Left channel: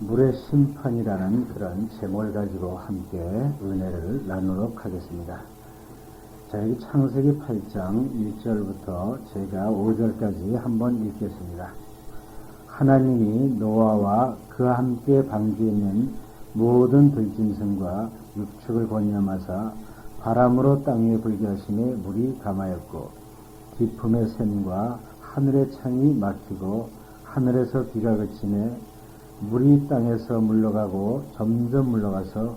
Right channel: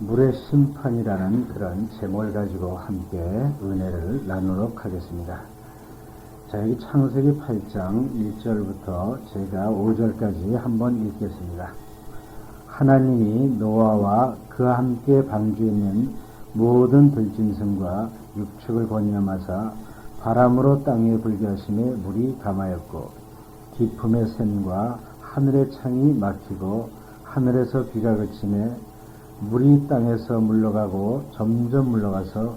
물의 심판이라는 그런 제목을 가지고 함께 은혜를 나누도록 하겠습니다. 자, 여기 창세기 8장 1절부터 제가 5절까지 한번 읽겠습니다. 하나님이 노아와 그와 함께 방주에 있는 모든 들짐승과 육축을 번영하사 바람으로 땅에 불게 하심에 물이 감하였고 깊음의 샘과 하늘의 창이 막히고 하늘에서 비가 그치매 물이 땅에서 물러가고 점점 물러가서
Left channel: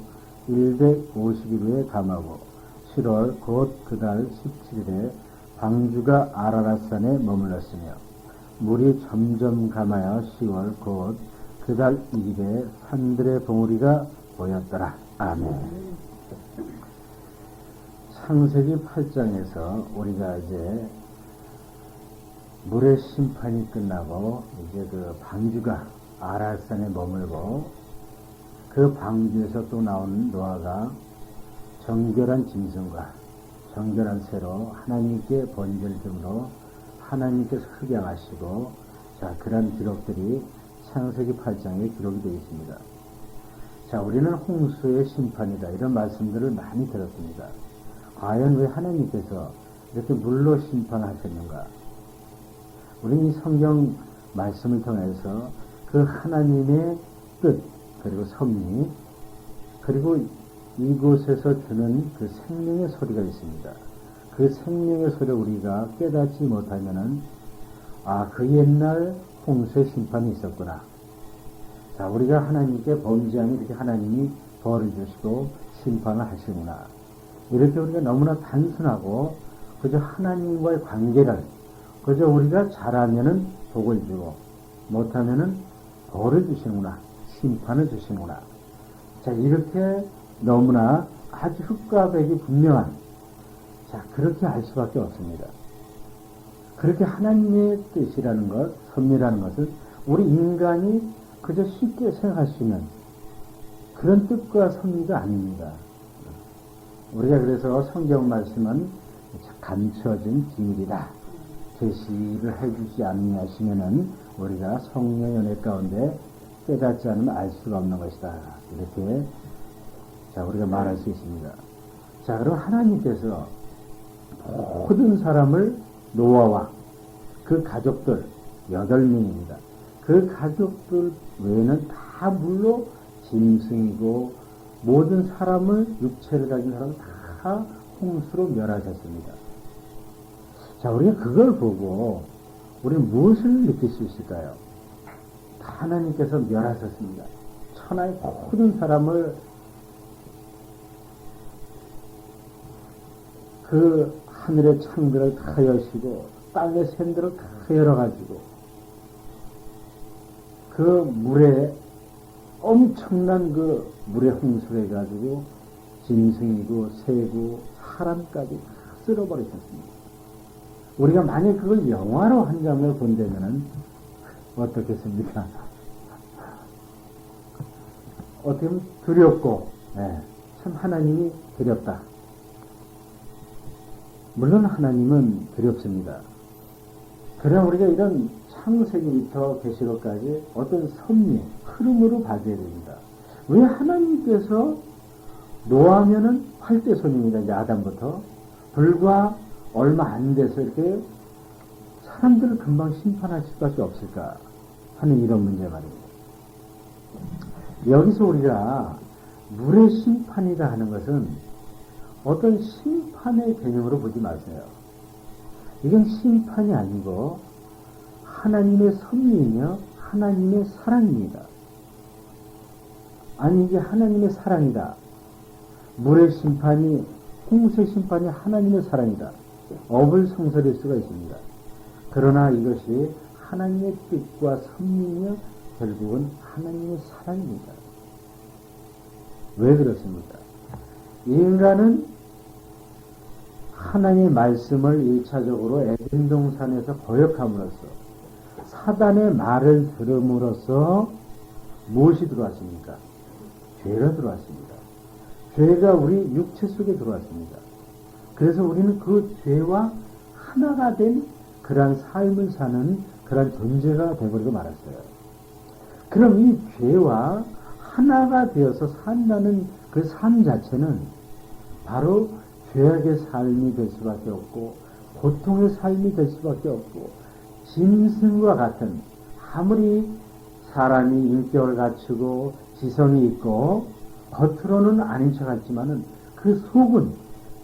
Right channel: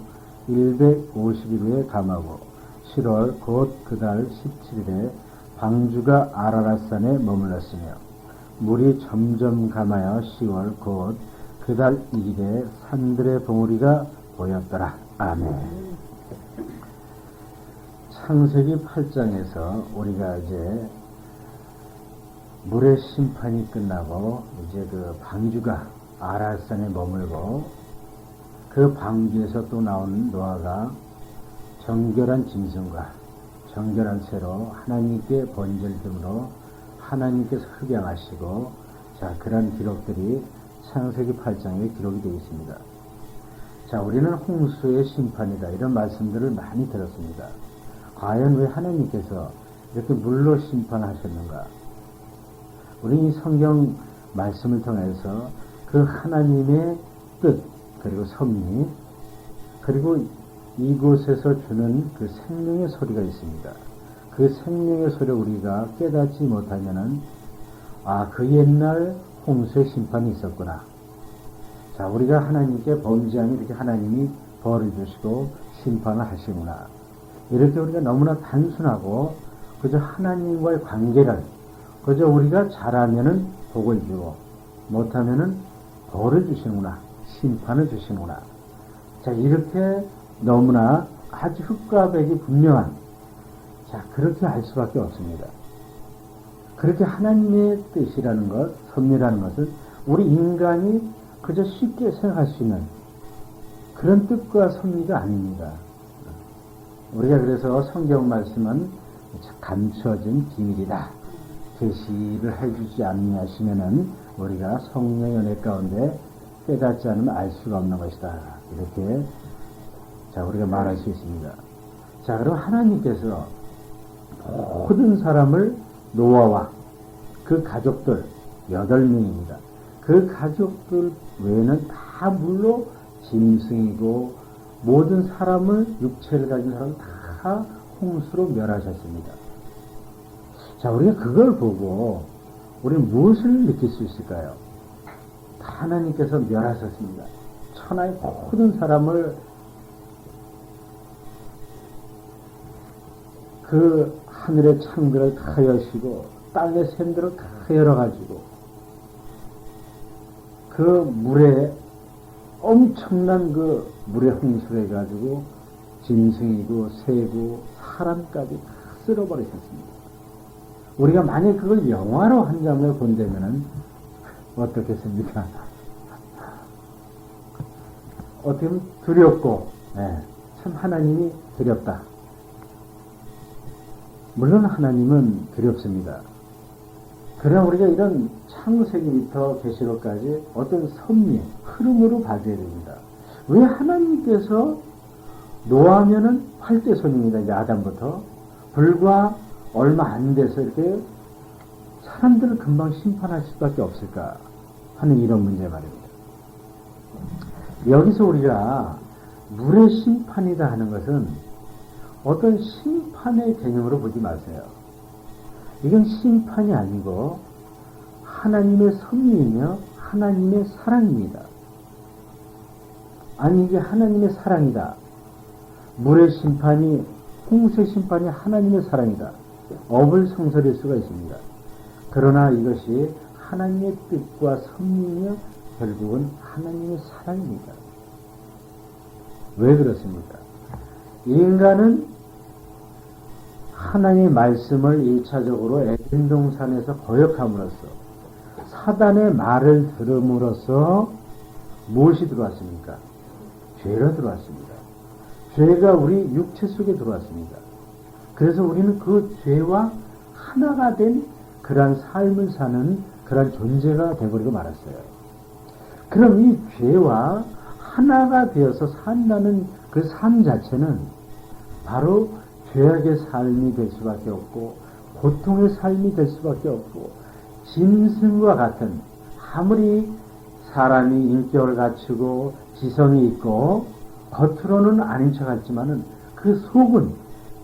150일 후에 감하고 7월 곧 그달 17일에 방주가 아라랏산에 머물렀으며 물이 점점 감하여 10월 곧 그달 1일에 산들의 봉우리가 보였더라. 아멘. 창세기 8장에서 우리가 이제 물의 심판이 끝나고 이제 그 방주가 아라삿산에 머물고 그 방주에서 또 나온 노아가 정결한 짐승과 정결한 새로 하나님께 번제등으로 하나님께서 흡양하시고 자 그런 기록들이 창세기 8장에 기록이 되어 있습니다. 자 우리는 홍수의 심판이다 이런 말씀들을 많이 들었습니다. 과연 왜 하나님께서 이렇게 물로 심판하셨는가? 우리 이 성경 말씀을 통해서 그 하나님의 뜻 그리고 섭리 그리고 이곳에서 주는 그 생명의 소리가 있습니다. 그 생명의 소리를 우리가 깨닫지 못하면은 그 옛날 홍수의 심판이 있었구나. 자 우리가 하나님께 범죄하면 이렇게 하나님이 벌을 주시고 심판을 하시구나. 이렇게 우리가 너무나 단순하고 그저 하나님과의 관계를 그저 우리가 잘하면은 복을 주고 못하면은 벌을 주시는구나. 심판을 주시는구나. 자 이렇게 너무나 아주 흑과 백이 분명한 자 그렇게 할 수밖에 없습니다. 그렇게 하나님의 뜻이라는 것, 섭리라는 것은 우리 인간이 그저 쉽게 생각할 수 있는 그런 뜻과 섭리가 아닙니다. 우리가 그래서 성경 말씀은 감춰진 비밀이다. 계시를 해주지 않으시면은 우리가 성령의 은혜 가운데 깨닫지 않으면 알 수가 없는 것이다. 이렇게 자 우리가 말할 수 있습니다. 자 그럼 하나님께서 모든 사람을 노아와 그 가족들 8명입니다. 그 가족들 외에는 다 물로 짐승이고 모든 사람을 육체를 가진 사람을 다 홍수로 멸하셨습니다. 자 우리가 그걸 보고 우리는 무엇을 느낄 수 있을까요? 하나님께서 멸하셨습니다. 천하의 모든 사람을 그 하늘의 창들을 다 여시고 땅의 샘들을 다 열어가지고 그 물에 엄청난 그 물에 홍수를 해가지고 짐승이고 새고 사람까지 다 쓸어버리셨습니다. 우리가 만약 그걸 영화로 한 장면을 본다면은 어떻겠습니까? 어떻게 보면 두렵고 참 하나님이 두렵다. 물론 하나님은 두렵습니다. 그러나 우리가 이런 창세기부터 계시록까지 어떤 섭리, 흐름으로 봐줘야 됩니다. 왜 하나님께서 노아하면은 활대손입니다. 이제 아담부터 불과 얼마 안 돼서 이렇게 사람들을 금방 심판할 수밖에 없을까 하는 이런 문제 말입니다. 여기서 우리가 물의 심판이다 하는 것은 어떤 심판의 개념으로 보지 마세요. 이건 심판이 아니고 하나님의 섭리이며 하나님의 사랑입니다. 아니 이게 하나님의 사랑이다. 물의 심판이 홍수의 심판이 하나님의 사랑이다. 어불성설일 수가 있습니다. 그러나 이것이 하나님의 뜻과 섭리이며 결국은 하나님의 사랑입니다. 왜 그렇습니까? 인간은 하나님의 말씀을 1차적으로 에덴 동산에서 거역함으로써 사단의 말을 들음으로써 무엇이 들어왔습니까? 죄가 들어왔습니다. 죄가 우리 육체 속에 들어왔습니다. 그래서 우리는 그 죄와 하나가 된 그러한 삶을 사는 그러한 존재가 되어버리고 말았어요. 그럼 이 죄와 하나가 되어서 산다는 그 삶 자체는 바로 죄악의 삶이 될 수밖에 없고 고통의 삶이 될 수밖에 없고 짐승과 같은 아무리 사람이 인격을 갖추고 지성이 있고 겉으로는 아닌 척 같지만은 그 속은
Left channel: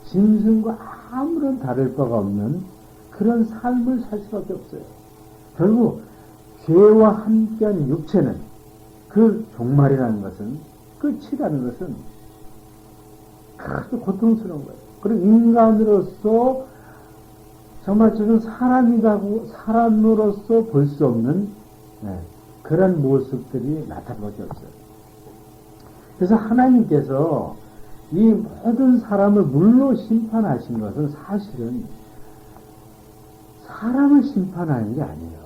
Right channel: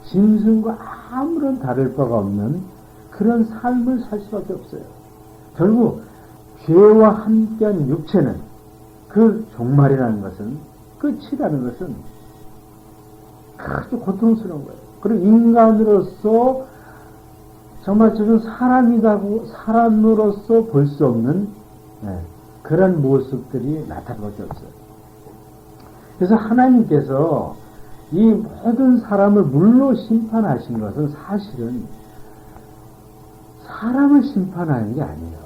짐승과 아무런 다를 바가 없는 그런 삶을 살 수밖에 없어요. 결국 죄와 함께한 육체는 그 종말이라는 것은 끝이라는 것은 아주 고통스러운 거예요. 그리고 인간으로서 정말 지금 사람으로서 볼 수 없는 그런 모습들이 나타날 수밖에 없어요. 그래서 하나님께서 이 모든 사람을 물로 심판하신 것은 사실은 사람을 심판하는 게 아니에요.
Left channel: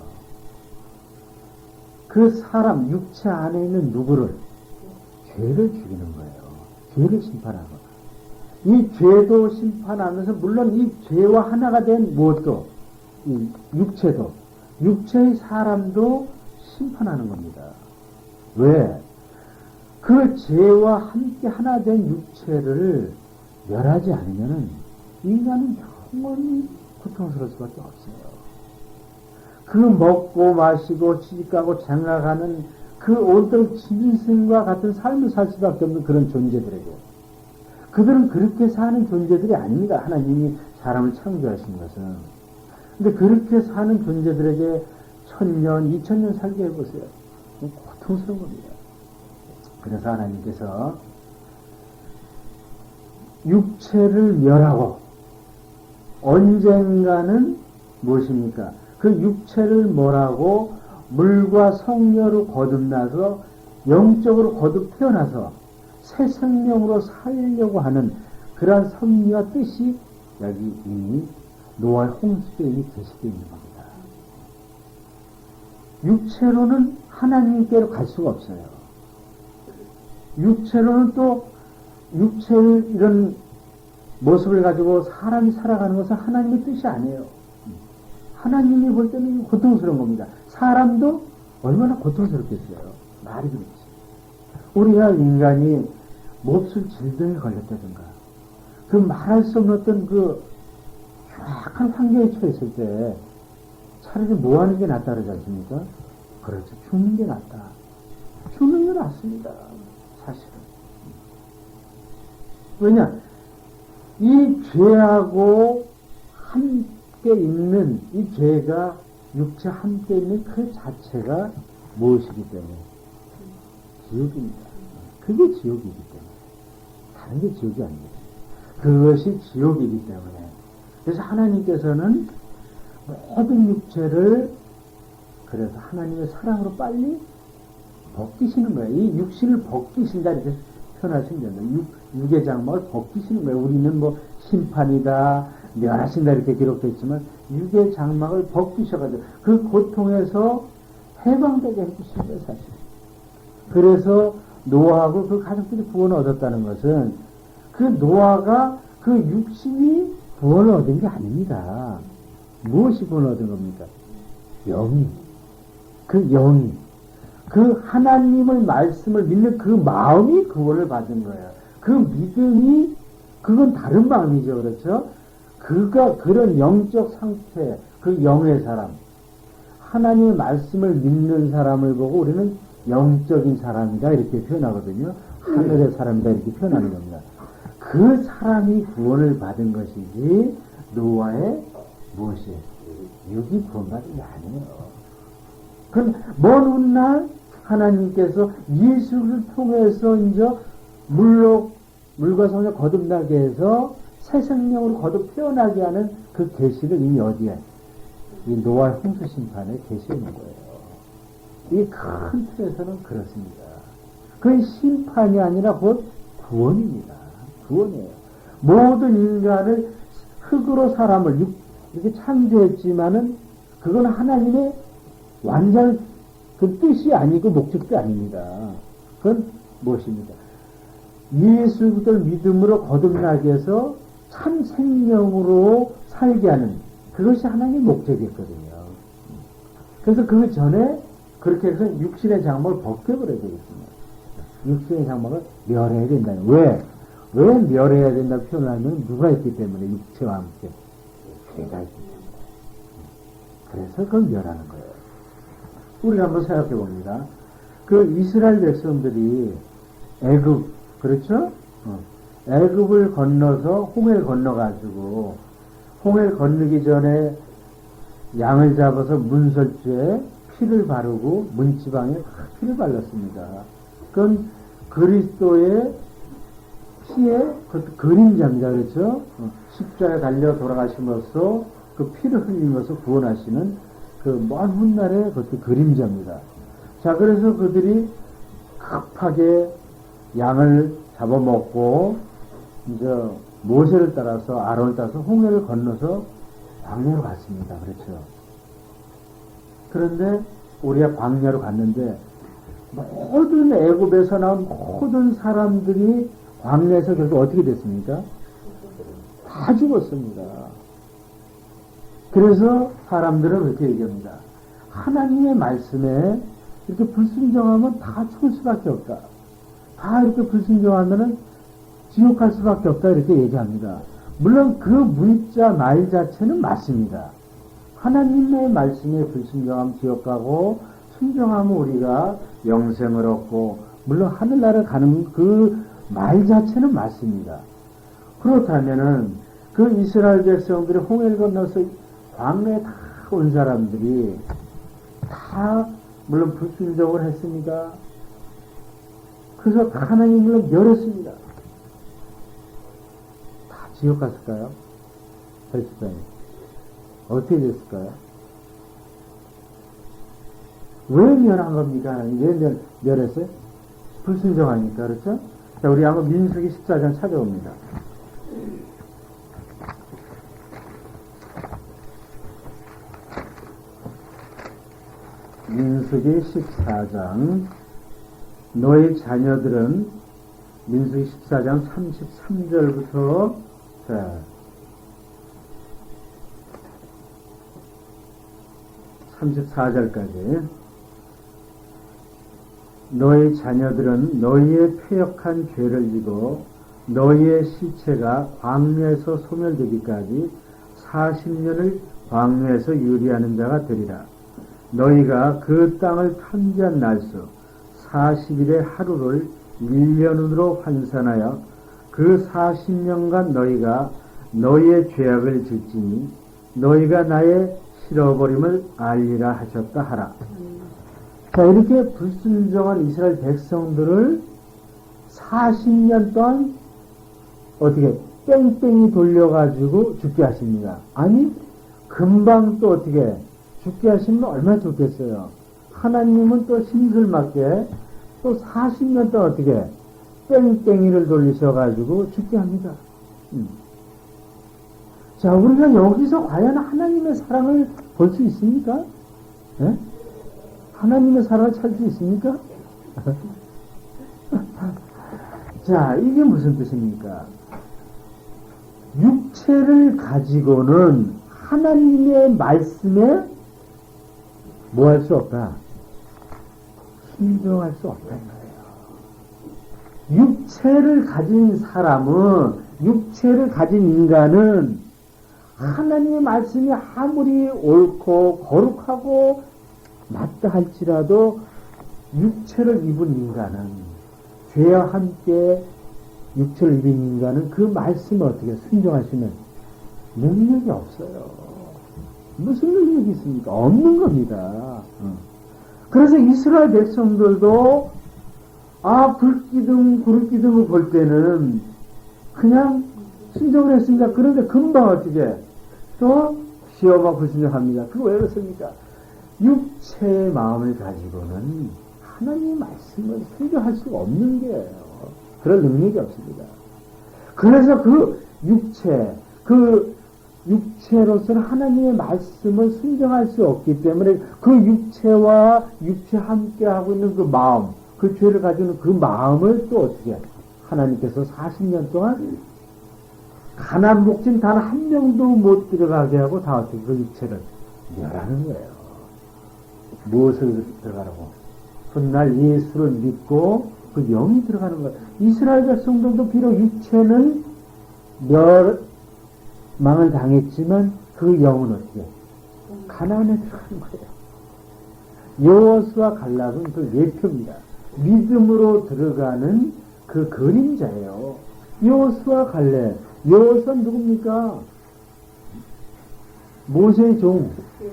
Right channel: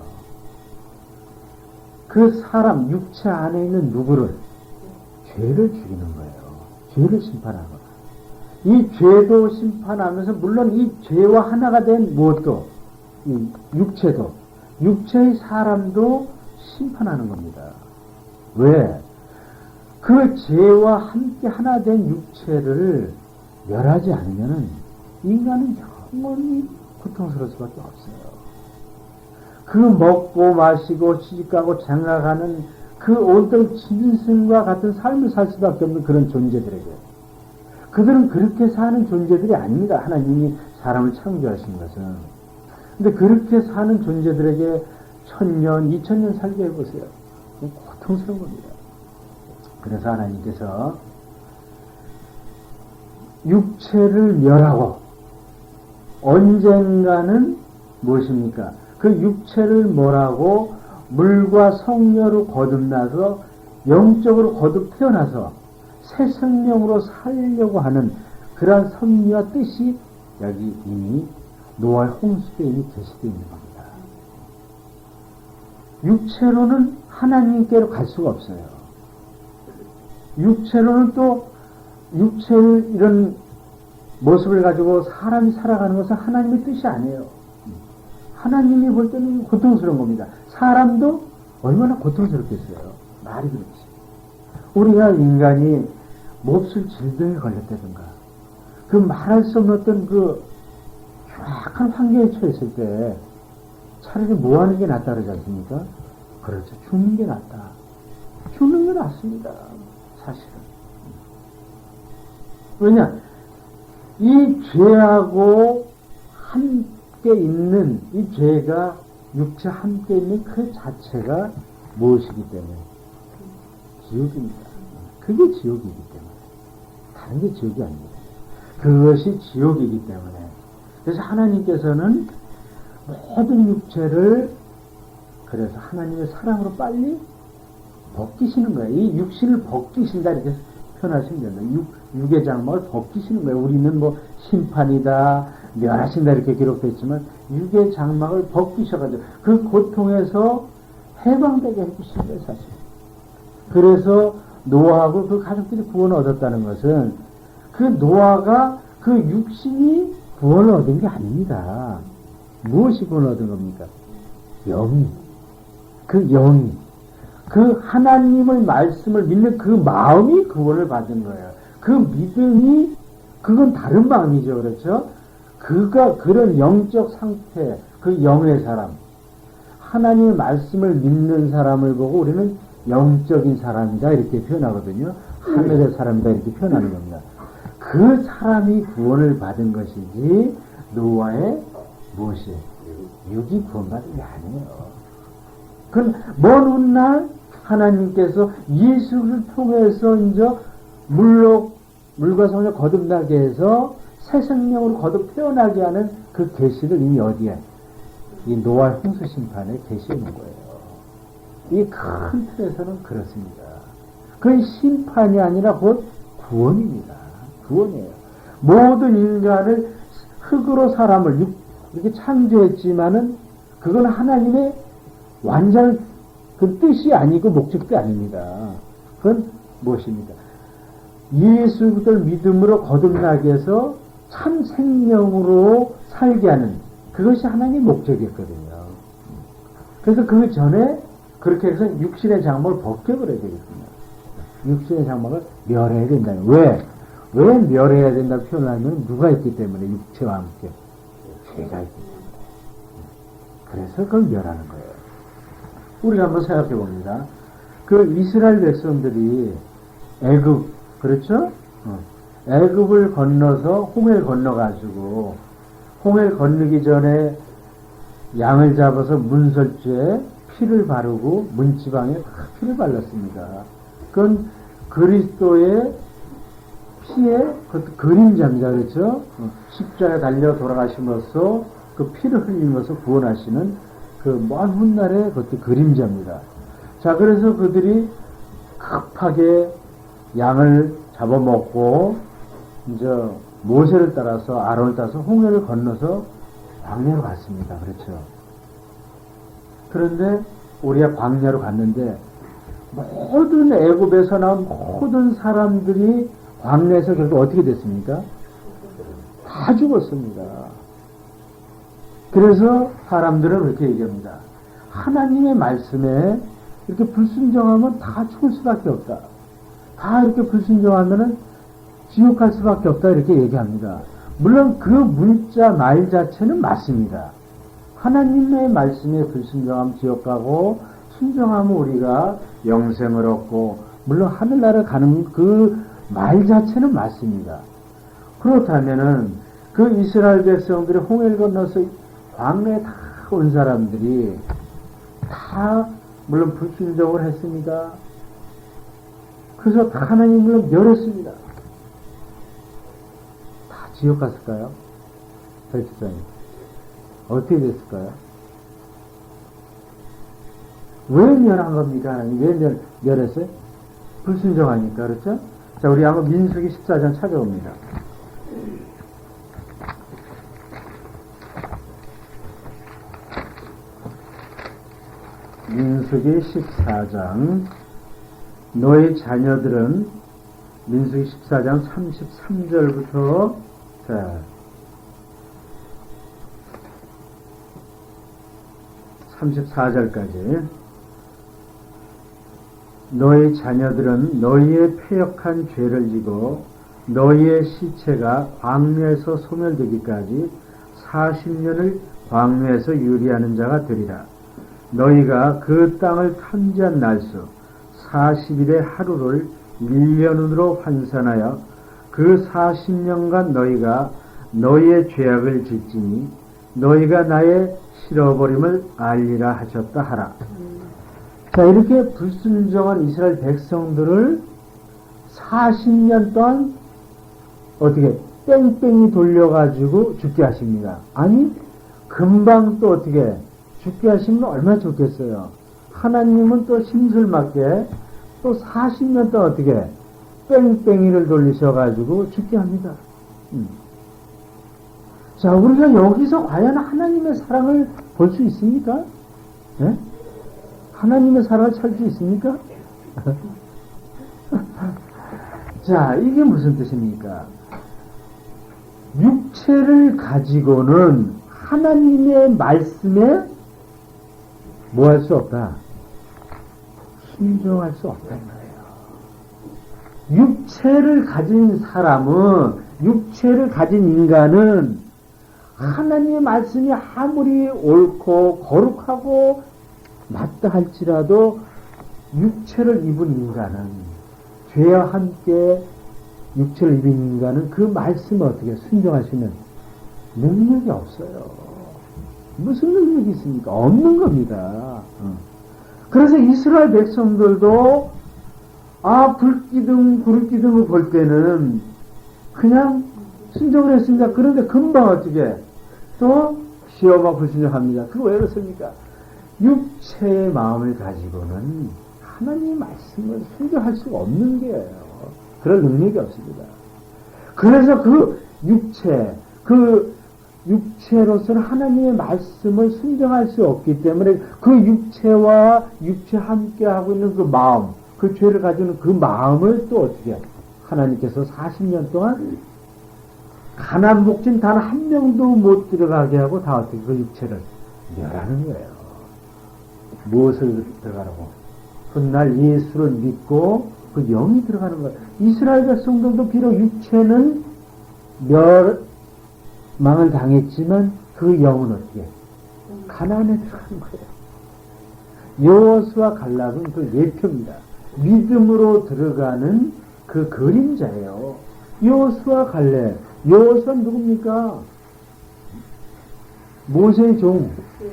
그 사람, 육체 안에 있는 누구를, 죄를 죽이는 거예요. 죄를 심판하는 거예요. 이 죄도 심판하면서 물론 이 죄와 하나가 된 무엇도, 이 육체도, 육체의 사람도 심판하는 겁니다. 왜? 그 죄와 함께 하나 된 육체를 멸하지 않으면 인간은 영원히 고통스러울 수밖에 없어요. 그 먹고 마시고 시집가고 장가가는 그 온통 짐승과 같은 삶을 살 수밖에 없는 그런 존재들에게 그들은 그렇게 사는 존재들이 아닙니다. 하나님이 사람을 창조하신 것은. 근데 그렇게 사는 존재들에게 1000년, 2000년 살게 해보세요. 고통스러운 겁니다. 그래서 하나님께서 육체를 멸하고 언젠가는 무엇입니까? 그 육체를 멸하고 물과 성녀로 거듭나서 영적으로 거듭 태어나서 새 생명으로 살려고 하는 그러한 섭리와 뜻이 여기 이미 노아의 홍수에 이미 계시되어 있는 겁니다. 육체로는 하나님께로 갈 수가 없어요. 육체로는 또 육체의 이런 모습을 가지고 사람이 살아가는 것은 하나님의 뜻이 아니에요. 하나님이 볼 때는 고통스러운 겁니다. 사람도 얼마나 고통스럽겠어요. 말이 그렇지. 우리가 인간이 몹쓸 질병에 걸렸다든가 그 말할 수 없는 어떤 그 흉악한 환경에 처했을 때 차라리 뭐 하는 게 낫다 그러지 않습니까? 그렇죠. 죽는 게 낫다. 죽는 게 낫습니다. 사실은. 왜냐? 이 죄하고 함께 있는 이 죄가 육체 함께 있는 그 자체가 무엇이기 때문에? 지옥입니다. 그게 지옥이기 때문에. 다른 게 지옥이 아닙니다. 그것이 지옥이기 때문에. 그래서 하나님께서는 모든 육체를 그래서 하나님의 사랑으로 빨리 벗기시는 거예요. 이 육신을 벗기신다 이렇게 표현하시면 됩니다. 육의 장막을 벗기시는 거예요. 우리는 뭐 심판이다, 멸하신다 이렇게 기록되어 있지만 육의 장막을 벗기셔가지고 그 고통에서 해방되게 해주신 거예요, 사실. 그래서 노아하고 그 가족들이 구원을 얻었다는 것은 그 노아가 그 육신이 구원을 얻은 게 아닙니다. 무엇이 구원을 얻은 겁니까? 영이. 그 영이. 그 하나님의 말씀을 믿는 그 마음이 구원을 받은 거예요. 그 믿음이, 그건 다른 마음이죠. 그렇죠? 그가 그런 영적 상태, 그 영의 사람, 하나님의 말씀을 믿는 사람을 보고 우리는 영적인 사람이다 이렇게 표현하거든요. 하늘의 사람이다 이렇게 표현하는 겁니다. 그 사람이 구원을 받은 것이지 노아의 무엇이 육이 구원받은 게 아니에요. 그럼 먼 훗날 하나님께서 예수를 통해서 이제 물과 성령을 거듭나게 해서 새 생명으로 거듭 태어나게 하는 그 계시를 이미 어디에? 이 노아의 홍수 심판에 계시는 거예요. 이 큰 틀에서는 그렇습니다. 그 심판이 아니라 곧 구원입니다. 구원이에요. 모든 인간을 흙으로 사람을 이렇게 창조했지만은 그건 하나님의 완전 그 뜻이 아니고 목적도 아닙니다. 그건 무엇입니까? 예수 그리스도를 믿음으로 거듭나게 해서 참 생명으로 살게 하는 그것이 하나님의 목적이었거든요. 그래서 그 전에 그 그렇게 해서 육신의 장막을 벗겨버려야 되겠습니다. 육신의 장막을 멸해야 된다. 왜? 왜 멸해야 된다고 표현하면 누가 있기 때문에 육체와 함께 죄가 있기 때문에. 그래서 그걸 멸하는 거예요. 우리가 한번 생각해 봅니다. 그 이스라엘 백성들이 애굽, 그렇죠? 애굽을 건너서 홍해를 건너가지고 홍해를 건너기 전에 양을 잡아서 문설주에 피를 바르고 문지방에 피를 발랐습니다. 그건 그리스도의 피의 그것도 그림자입니다. 그렇죠? 십자가에 달려 돌아가심으로써 그 피를 흘리면서 구원하시는 그 먼 훗날의 그것도 그림자입니다. 자, 그래서 그들이 급하게 양을 잡아먹고 이제 모세를 따라서 아론을 따라서 홍해를 건너서 광야로 갔습니다. 그렇죠? 그런데 우리가 광야로 갔는데 모든 애굽에서 나온 모든 사람들이 광야에서 결국 어떻게 됐습니까? 다 죽었습니다. 그래서 사람들은 그렇게 얘기합니다. 하나님의 말씀에 이렇게 불순종하면 다 죽을 수밖에 없다. 다 이렇게 불순종하면은 지옥 갈 수밖에 없다. 이렇게 얘기합니다. 물론 그 문자 말 자체는 맞습니다. 하나님의 말씀에 불순종하면 지옥 가고 순종하면 우리가 영생을 얻고 물론 하늘나라를 가는 그 말 자체는 맞습니다. 그렇다면은 그 이스라엘 백성들이 홍해를 건너서 광야에 다 온 사람들이 다 물론 불순종을 했습니다. 그래서 다 하나님을 멸했습니다. 다 지옥 갔을까요? 설치장에 어떻게 됐을까요? 왜 멸한 겁니까? 왜 멸했어요? 불순종하니까. 그렇죠? 자, 우리 한번 민수기 14장 찾아옵니다. 민수기 14장 너희 자녀들은 민수기 14장 33절부터 34절까지 너희 자녀들은 너희의 패역한 죄를 지고 너희의 시체가 광야에서 소멸되기까지 40년을 광야에서 유리하는 자가 되리라. 너희가 그 땅을 탐지한 날수 40일의 하루를 1년으로 환산하여 그 40년간 너희가 너희의 죄악을 짓지니 너희가 나의 실어버림을 알리라 하셨다 하라. 자, 이렇게 불순종한 이스라엘 백성들을 40년 동안 어떻게 뺑뺑이 돌려가지고 죽게 하십니다. 아니 금방 또 어떻게 죽게 하시면 얼마나 좋겠어요. 하나님은 또 심술맞게 또 40년 동안 어떻게 뺑뺑이를 돌리셔가지고 죽게 합니다. 자, 우리가 여기서 과연 하나님의 사랑을 볼 수 있습니까? 네? 하나님의 사랑을 찾을 수 있습니까? 자, 이게 무슨 뜻입니까? 육체를 가지고는 하나님의 말씀에 뭐 할 수 없다? 순종할 수 없단 말이에요. 육체를 가진 사람은, 육체를 가진 인간은 하나님의 말씀이 아무리 옳고 거룩하고 맞다 할지라도 육체를 입은 인간은, 죄와 함께 육체를 입은 인간은 그 말씀을 어떻게 순종할 수 있는 능력이 없어요. 무슨 능력이 있습니까? 없는 겁니다. 그래서 이스라엘 백성들도 불기둥, 구름기둥을 볼 때는 그냥 순종을 했습니다. 그런데 금방 어떻게 또 시험과 불순종합니다. 그거 왜 그렇습니까? 육체의 마음을 가지고는 하나님 말씀을 순종할 수가 없는 게예요. 그럴 능력이 없습니다. 그래서 그 육체로서는 하나님의 말씀을 순종할 수 없기 때문에 그 육체와 육체 함께 하고 있는 그 마음, 그 죄를 가지는 그 마음을 또 어떻게 하나님께서 40년 동안 가난 목진 단 한 명도 못 들어가게 하고 다 어떻게 그 육체를 멸하는 거예요. 무엇을 들어가라고? 훗날 예수를 믿고 그 영이 들어가는 거예요. 이스라엘 백성들도 비록 육체는 멸망을 당했지만 그 영은 어떻게? 가나안에 들어가는 거예요. 여호수아 갈렙은 그 예표입니다. 믿음으로 들어가는 그 그림자예요. 여호수아 갈렙. 여호수아는 누굽니까? 모세의 종.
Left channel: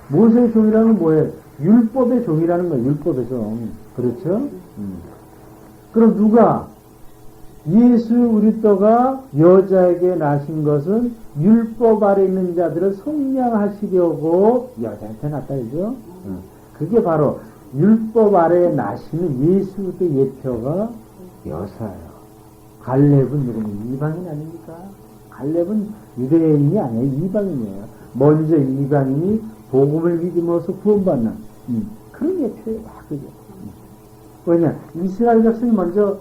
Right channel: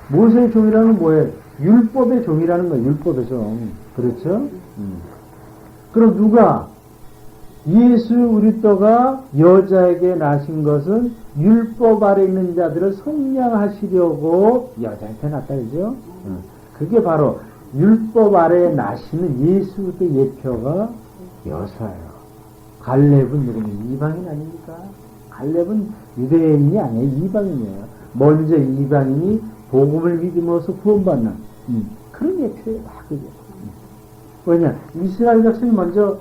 모세의 종이라는 건 뭐예요? 율법의 종이라는 거예요. 율법의 종. 그렇죠? 그럼 누가? 예수 그리스도가 여자에게 나신 것은 율법 아래 있는 자들을 속량하시려고 여자한테 났다, 그죠? 그게 바로 율법 아래 나시는 예수 그리스도의 예표가 여호수아예요. 갈렙은 누구니? 이방인 아닙니까? 갈렙은 유대인이 아니에요. 이방인이에요. 먼저 이방인이 복음을 믿음으로써 구원받는 그런 예표예요. 그게. 왜냐? 이스라엘 백성이 먼저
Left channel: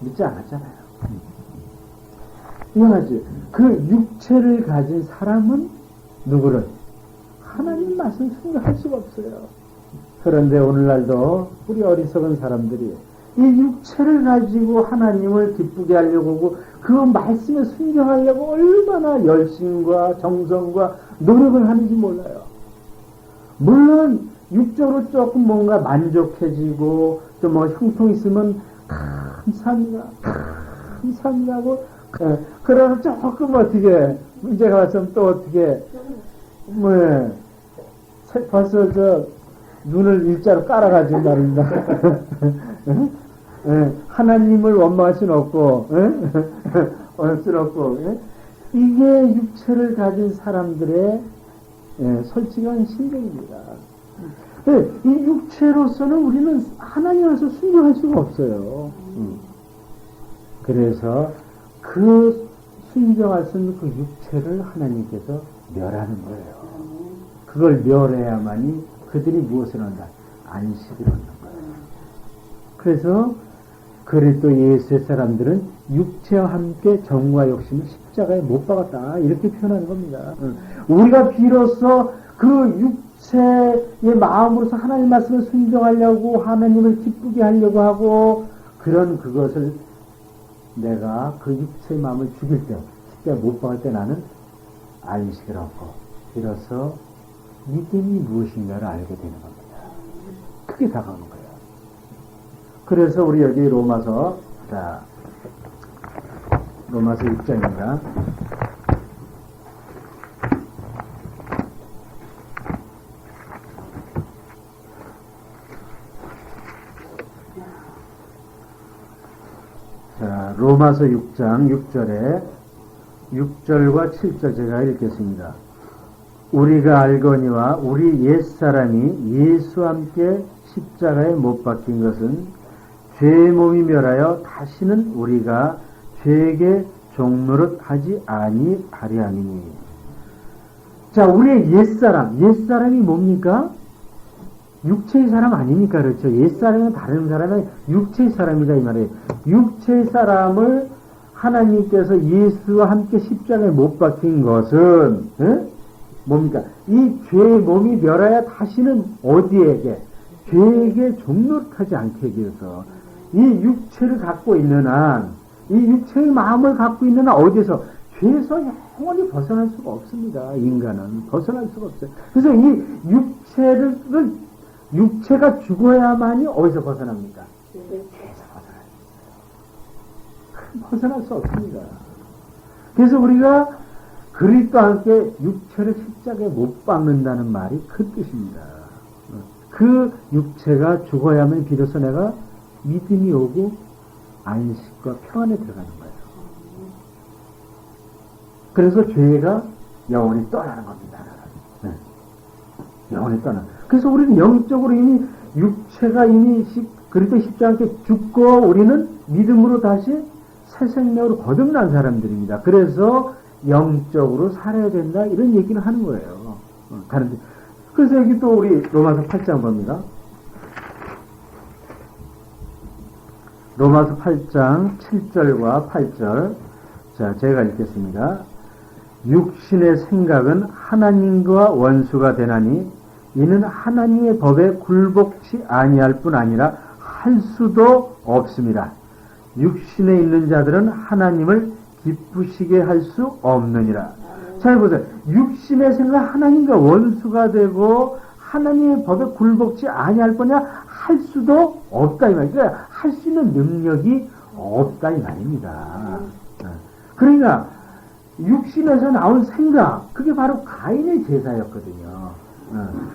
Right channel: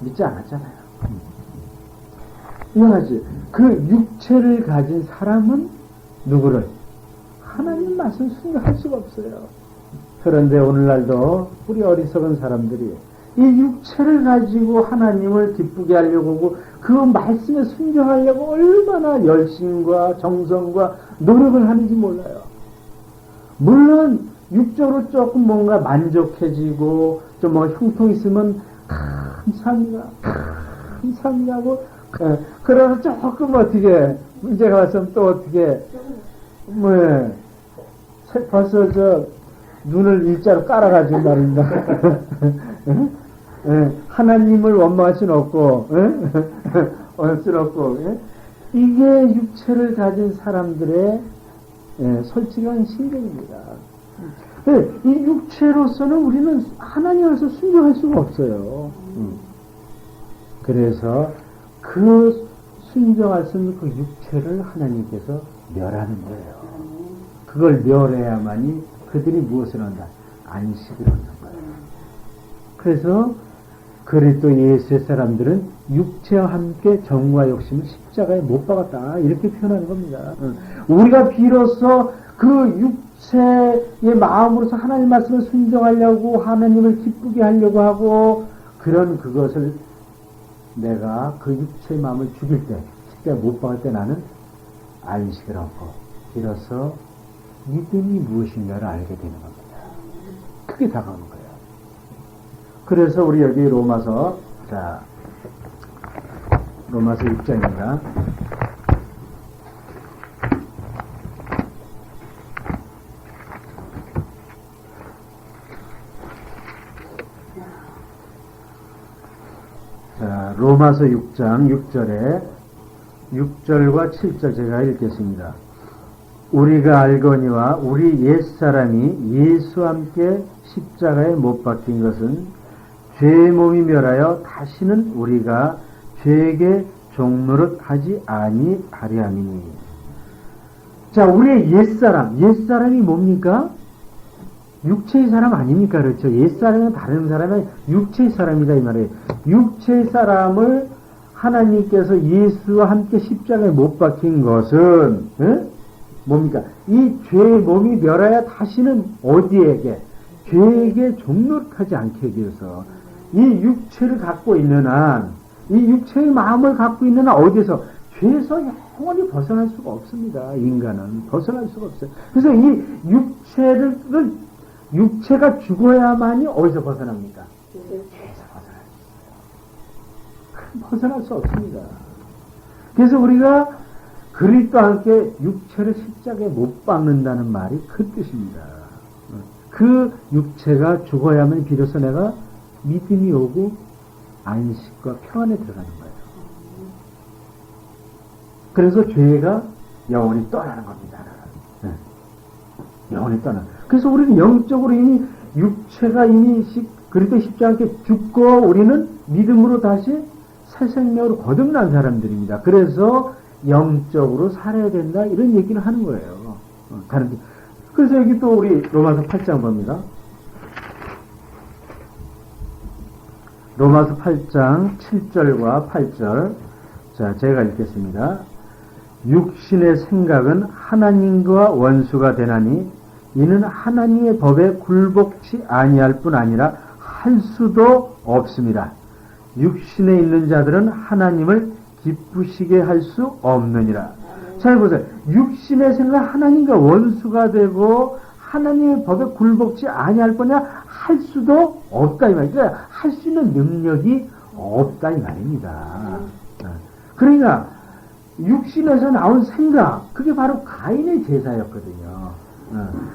믿지 않았잖아요. 이거지. 그 육체를 가진 사람은 누구를? 하나님 말씀 순종할 수가 없어요. 그런데 오늘날도 우리 어리석은 사람들이 이 육체를 가지고 하나님을 기쁘게 하려고 하고 그 말씀에 순종하려고 얼마나 열심과 정성과 노력을 하는지 몰라요. 물론 육적으로 조금 뭔가 만족해지고 좀 뭔가 흉통 있으면 감사합니다 하고 그러면 조금 어떻게 문제가 왔으면 또 어떻게 벌써 저 눈을 일자로 깔아가지고 말입니다. 하나님을 원망할 수는 없고 수는 없고 이게 육체를 가진 사람들의 솔직한 심정입니다. 이 육체로서는 우리는 하나님께서 순종할 수가 없어요. 그래서 그 순종할 수 있는 그 육체를 하나님께서 멸하는 거예요. 그걸 멸해야만이 그들이 무엇을 한다? 안식을 얻는 거예요. 그래서 그리스도 예수의 사람들은 육체와 함께 정과 욕심을 십자가에 못 박았다. 이렇게 표현하는 겁니다. 우리가 비로소 그 육체의 마음으로서 하나님 말씀을 순종하려고 하나님을 기쁘게 하려고 하고 그런 그것을 내가 그 육체의 마음을 죽일 때 십자가에 못 박을 때 나는 안식을 얻고 비로소 믿음이 무엇인가를 알게 되는 겁니다. 크게 다가오는 거예요. 그래서 우리 여기 로마서 6장입니다. 자, 로마서 6장 6절과 7절 제가 읽겠습니다. 우리가 알거니와 우리 옛사람이 예수와 함께 십자가에 못 박힌 것은 죄의 몸이 멸하여 다시는 우리가 죄에게 종노릇 하지 아니하려 함이니. 자, 우리의 옛사람이 뭡니까? 육체의 사람 아닙니까? 그렇죠? 옛사람은 다른 사람이 육체의 사람이다 이 말이에요. 육체의 사람을 하나님께서 예수와 함께 십자가에 못 박힌 것은 뭡니까? 이 죄의 몸이 멸하여 다시는 어디에게? 죄에게 종노릇하지 않게 하기 위해서 이 육체를 갖고 있는 한, 이 육체의 마음을 갖고 있는 한 어디서? 죄에서 영원히 벗어날 수가 없습니다. 인간은 벗어날 수가 없어요. 그래서 이 육체가 죽어야만이 어디서 벗어납니까? 죄에서 벗어날 수 있어요. 벗어날 수 없습니다. 그래서 우리가 그리스도와 함께 육체를 십자가에 못 박는다는 말이 그 뜻입니다. 그 육체가 죽어야만 비로소 내가 믿음이 오고 안식과 평안에 들어가는 거예요. 그래서 죄가 영원히 떠나는 겁니다. 영원히 떠나. 그래서 우리는 영적으로 이미 육체가 이미 그리스도 십자가에 죽고 우리는 믿음으로 다시 새 생명으로 거듭난 사람들입니다. 그래서 영적으로 살아야 된다 이런 얘기를 하는 거예요. 그래서 여기 또 우리 로마서 8장 봅니다. 로마서 8장 7절과 8절 자 제가 읽겠습니다. 육신의 생각은 하나님과 원수가 되나니 이는 하나님의 법에 굴복치 아니할 뿐 아니라 할 수도 없습니다. 육신에 있는 자들은 하나님을 기쁘시게 할 수 없느니라. 자, 보세요. 육신의 생각 하나님과 원수가 되고 하나님의 법에 굴복치 아니할 거냐 할 수도 없다 이 말이야. 그러니까 할 수 있는 능력이 없다 이 말입니다. 그러니까 육신에서 나온 생각 그게 바로 가인의 제사였거든요.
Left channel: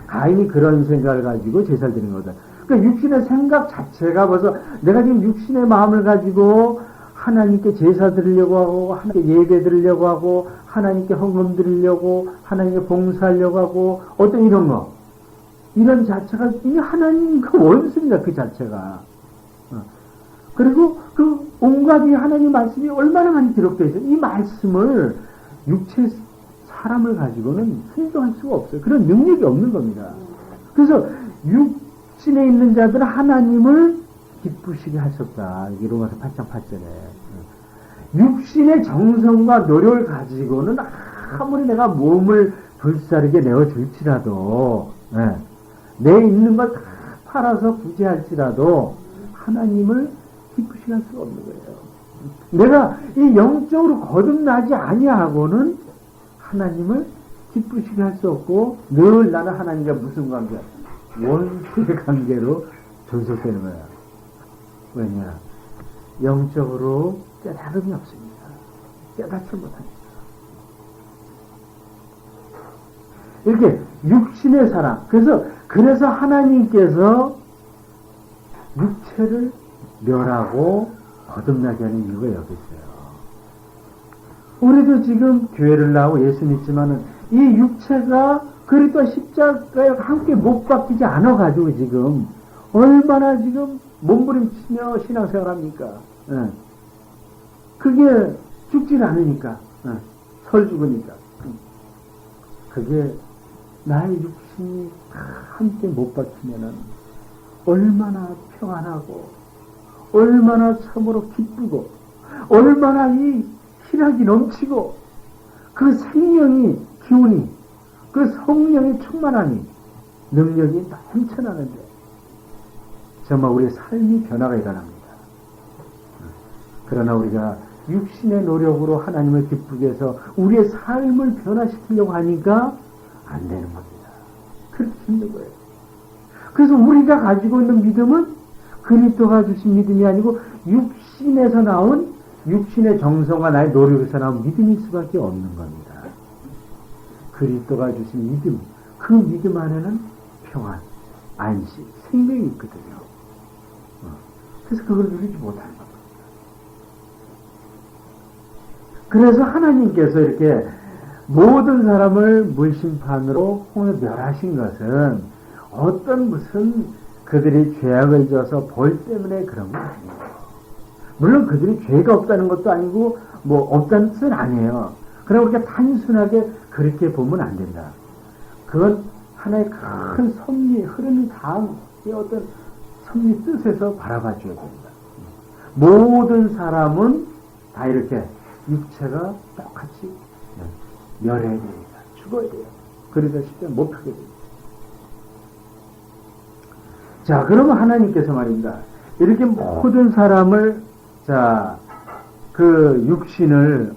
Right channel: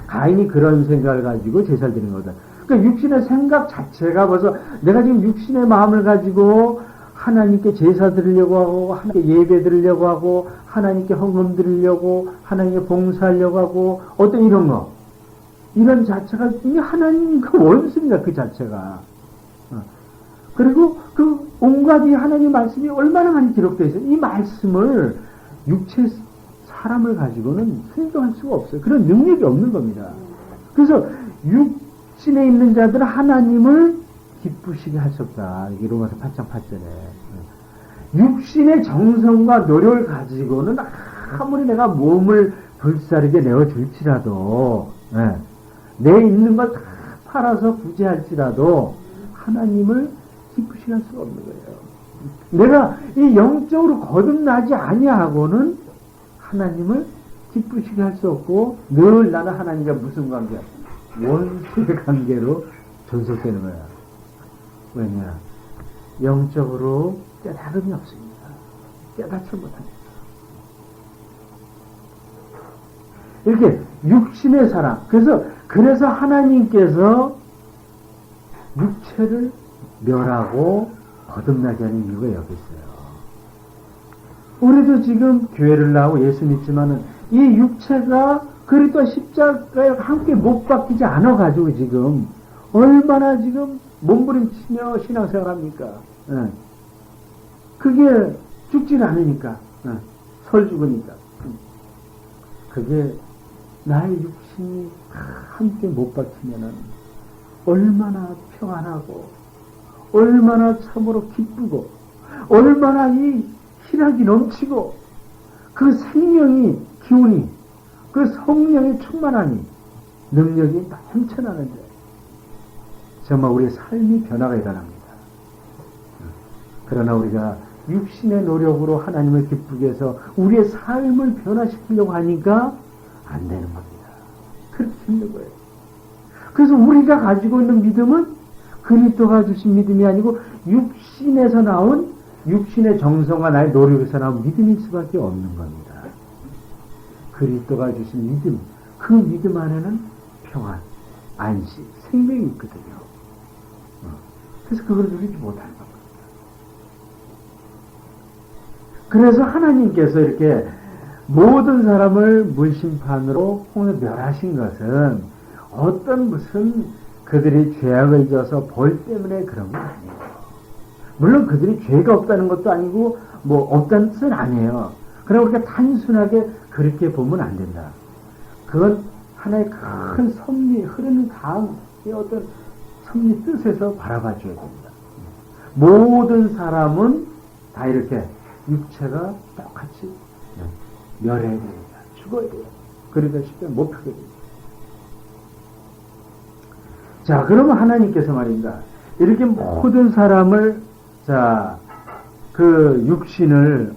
가인이 그런 생각을 가지고 제사를 드린 거다. 그러니까 육신의 생각 자체가 벌써 내가 지금 육신의 마음을 가지고 하나님께 제사 드리려고 하고 하나님께 예배 드리려고 하고 하나님께 헌금 드리려고 하나님께 봉사하려고 하고 어떤 이런 거 이런 자체가 이미 하나님과 원수입니다. 그 자체가. 그리고 그 온갖 이 하나님 말씀이 얼마나 많이 기록되어 있어요. 이 말씀을 육체 사람을 가지고는 순종할 수가 없어요. 그런 능력이 없는 겁니다. 그래서 육신에 있는 자들은 하나님을 기쁘시게 할 수 없다. 이게 로마서 8장 8절에. 육신의 정성과 노력을 가지고는 아무리 내가 몸을 불사르게 내어줄지라도 내 있는 걸 다 팔아서 부재할지라도 하나님을 기쁘시게 할 수가 없는 거예요. 내가 이 영적으로 거듭나지 아니하고는 하나님을 기쁘시게 할 수 없고 늘 나는 하나님과 무슨 관계? 원수의 관계로 존속되는 거야. 왜냐? 영적으로 깨달음이 없습니다. 깨닫지 못합니다. 이렇게 육신의 사람. 그래서 하나님께서 육체를 멸하고 거듭나게 하는 이유가 여기 있어요. 우리도 지금 교회를 나오고 예수 믿지만은 이 육체가 그리스도와 십자가에 함께 못 박히지 않아가지고 지금 얼마나 지금 몸부림치며 신앙생활 합니까? 그게 죽지 않으니까 설 죽으니까 그게 나의 육신이 함께 못 박히면은 얼마나 평안하고 얼마나 참으로 기쁘고 얼마나 이 희락이 넘치고 그 생명이 기운이 그 성령의 충만함이 능력이 넘쳐나는데 정말 우리의 삶이 변화가 일어납니다. 그러나 우리가 육신의 노력으로 하나님을 기쁘게 해서 우리의 삶을 변화시키려고 하니까 안 되는 겁니다. 그렇게 힘든 거예요. 그래서 우리가 가지고 있는 믿음은 그리스도가 주신 믿음이 아니고 육신에서 나온 육신의 정성과 나의 노력에서 나온 믿음일 수밖에 없는 겁니다. 그리스도가 주신 믿음, 그 믿음 안에는 평안, 안식, 생명이 있거든요. 그래서 그걸 누리지 못하는 겁니다. 그래서 하나님께서 이렇게 모든 사람을 물심판으로 멸하신 것은 어떤 무슨 그들이 죄악을 져서 벌 때문에 그런 건 아니에요. 물론 그들이 죄가 없다는 것도 아니고 뭐 없다는 뜻은 아니에요. 그러나 우리가 단순하게 그렇게 보면 안 된다. 그건 하나의 큰 섭리, 흐르는 강의 어떤 섭리 뜻에서 바라봐 줘야 됩니다. 모든 사람은 다 이렇게 육체가 똑같이 멸해야 됩니다. 죽어야 돼요. 그러니까 쉽게 못하게 됩니다. 자, 그러면 하나님께서 말입니다. 이렇게 모든 사람을, 자, 그 육신을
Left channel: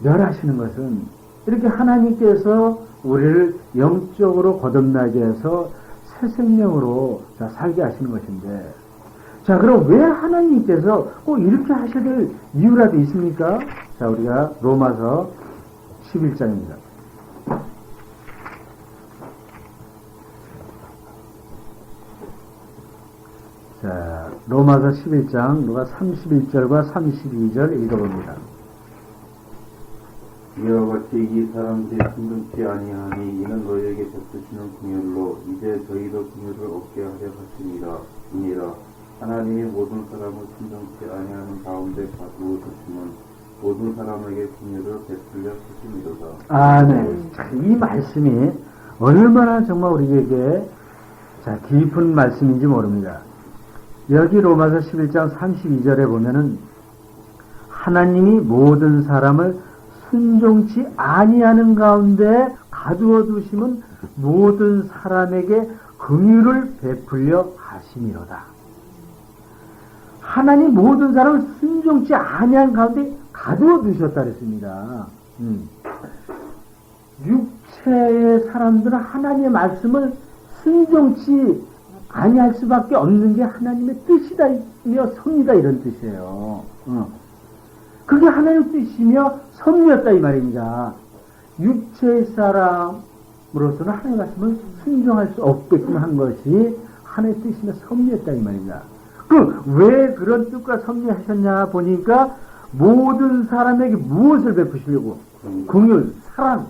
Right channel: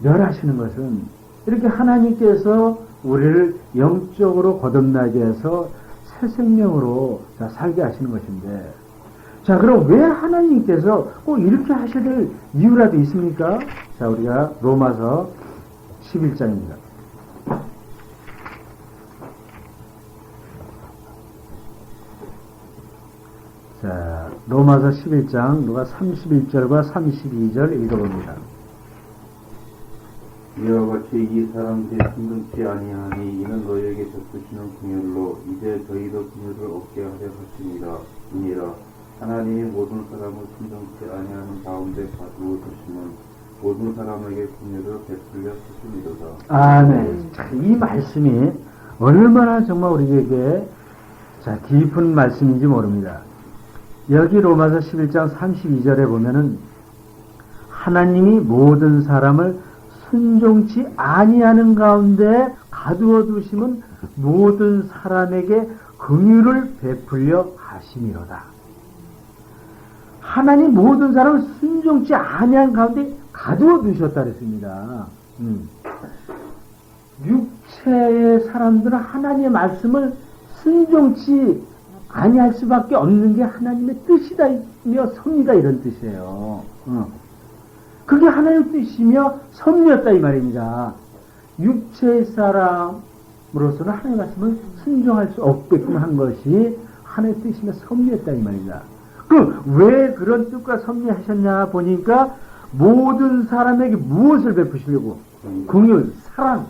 멸하시는 것은 이렇게 하나님께서 우리를 영적으로 거듭나게 해서 새 생명으로 자, 살게 하시는 것인데, 자, 그럼 왜 하나님께서 꼭 이렇게 하셔야 될 이유라도 있습니까? 자, 우리가 로마서 11장입니다. 자, 로마서 11장 누가 31절과 32절 읽어봅니다. 이와 같이 이 사람들이 순종치 아니하니 이는 너희에게 베푸시는 긍휼로 이제 저희도 긍휼을 얻게 하려 하시니라. 하나님이 모든 사람을 순종치 아니하는 가운데 가두어 두심은 모든 사람에게 긍휼을 베풀려 하심이로다. 아멘. 자, 이 말씀이 얼마나 정말 우리에게 자, 깊은 말씀인지 모릅니다. 여기 로마서 11장 32절에 보면은 하나님이 모든 사람을 순종치 아니하는 가운데 가두어 두심은 모든 사람에게 긍휼을 베풀려 하심이로다. 하나님 모든 사람을 순종치 아니한 가운데 가두어 두셨다 그랬습니다. 육체의 사람들은 하나님의 말씀을 순종치 아니할 수밖에 없는 게 하나님의 뜻이다며 섭니다 이런 뜻이에요. 그게 하나님의 뜻이며 섭리였다 이 말입니다. 육체의 사람으로서는 하나님의 말씀을 순종할 수 없게끔 한 것이 하나님의 뜻이며 섭리였다 이 말입니다. 왜 그런 뜻과 섭리하셨냐 보니까 모든 사람에게 무엇을 베푸시려고? 긍휼, 사랑.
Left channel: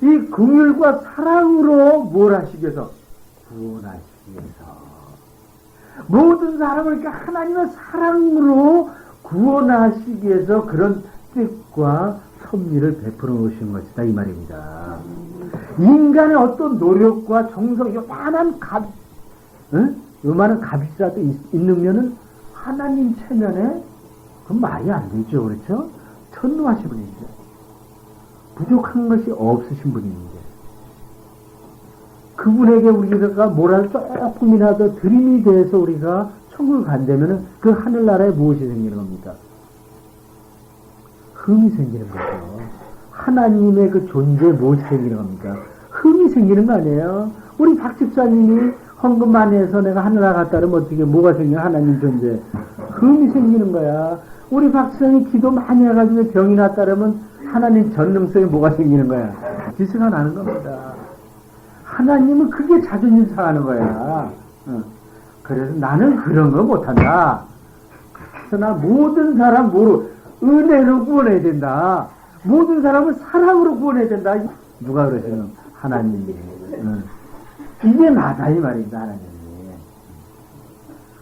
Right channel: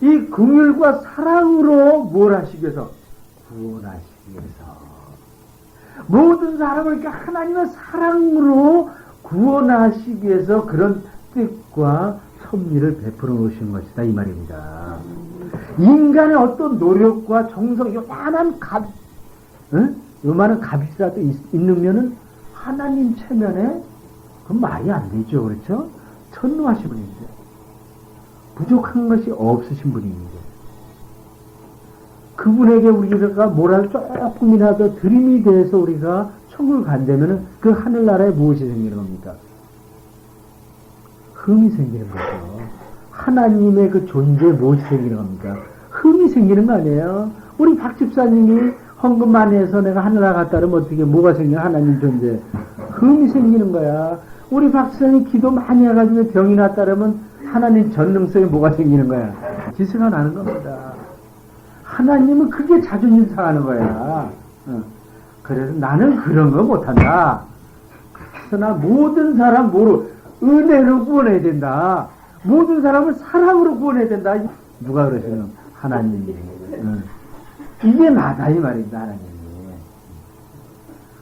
이 긍휼과 사랑으로 뭘 하시기 위해서? 구원하시기 위해서. 모든 사람을 그러니까 하나님의 사랑으로 구원하시기 위해서 그런 뜻과 섭리를 베풀어 놓으신 것이다 이 말입니다. 인간의 어떤 노력과 정성, 요만한 요만한 값이라도 있는 하나님 체면에 그건 말이 안 되죠. 그렇죠? 천노하신 분인데 부족한 것이 없으신 분인데 그분에게 우리가 뭐라도 조금이라도 드림이 돼서 우리가 천국을 간다면 그 하늘나라에 무엇이 생기는 겁니까? 흠이 생기는 거죠. 하나님의 그 존재에 무엇이 생기는 겁니까? 흠이 생기는 거 아니에요? 우리 박 집사님이 헌금 많이 해서 내가 하늘나라 갔다 그러면 어떻게 뭐가 생겨? 하나님 존재. 흠이 생기는 거야. 우리 박 집사님이 기도 많이 해가지고 병이 났다 그러면 하나님 전능성에 뭐가 생기는 거야? 기스가 나는 겁니다. 하나님은 그게 자존심 상하는 거야. 그래서 나는 그런 거 못한다. 그러나 모든 사람 은혜로 구원해야 된다. 모든 사람을 사랑으로 구원해야 된다. 누가 그러시는? 하나님이. 이게 나다 이 말입니다. 하나님이.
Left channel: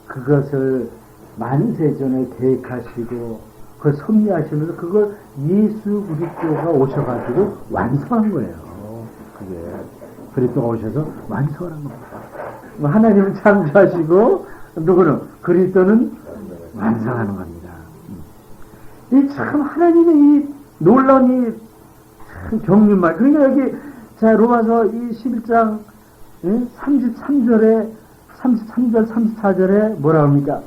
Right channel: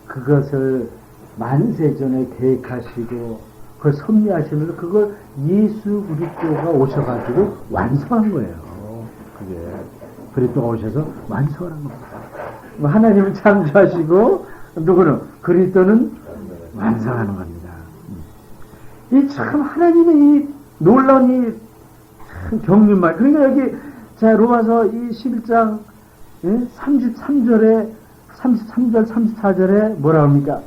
그것을 만세전에 계획하시고 그걸 섭리하시면서 그걸 예수 그리스도가 오셔가지고 완성한 거예요. 그게 그리스도가 오셔서 완성한 겁니다. 하나님은 창조하시고 누구는 그리스도는 완성하는 겁니다. 이 참 하나님의 이 놀라운 이 참 경륜 말. 그러니까 여기 자 로마서 이 11장 33절 34절에 뭐라 합니까?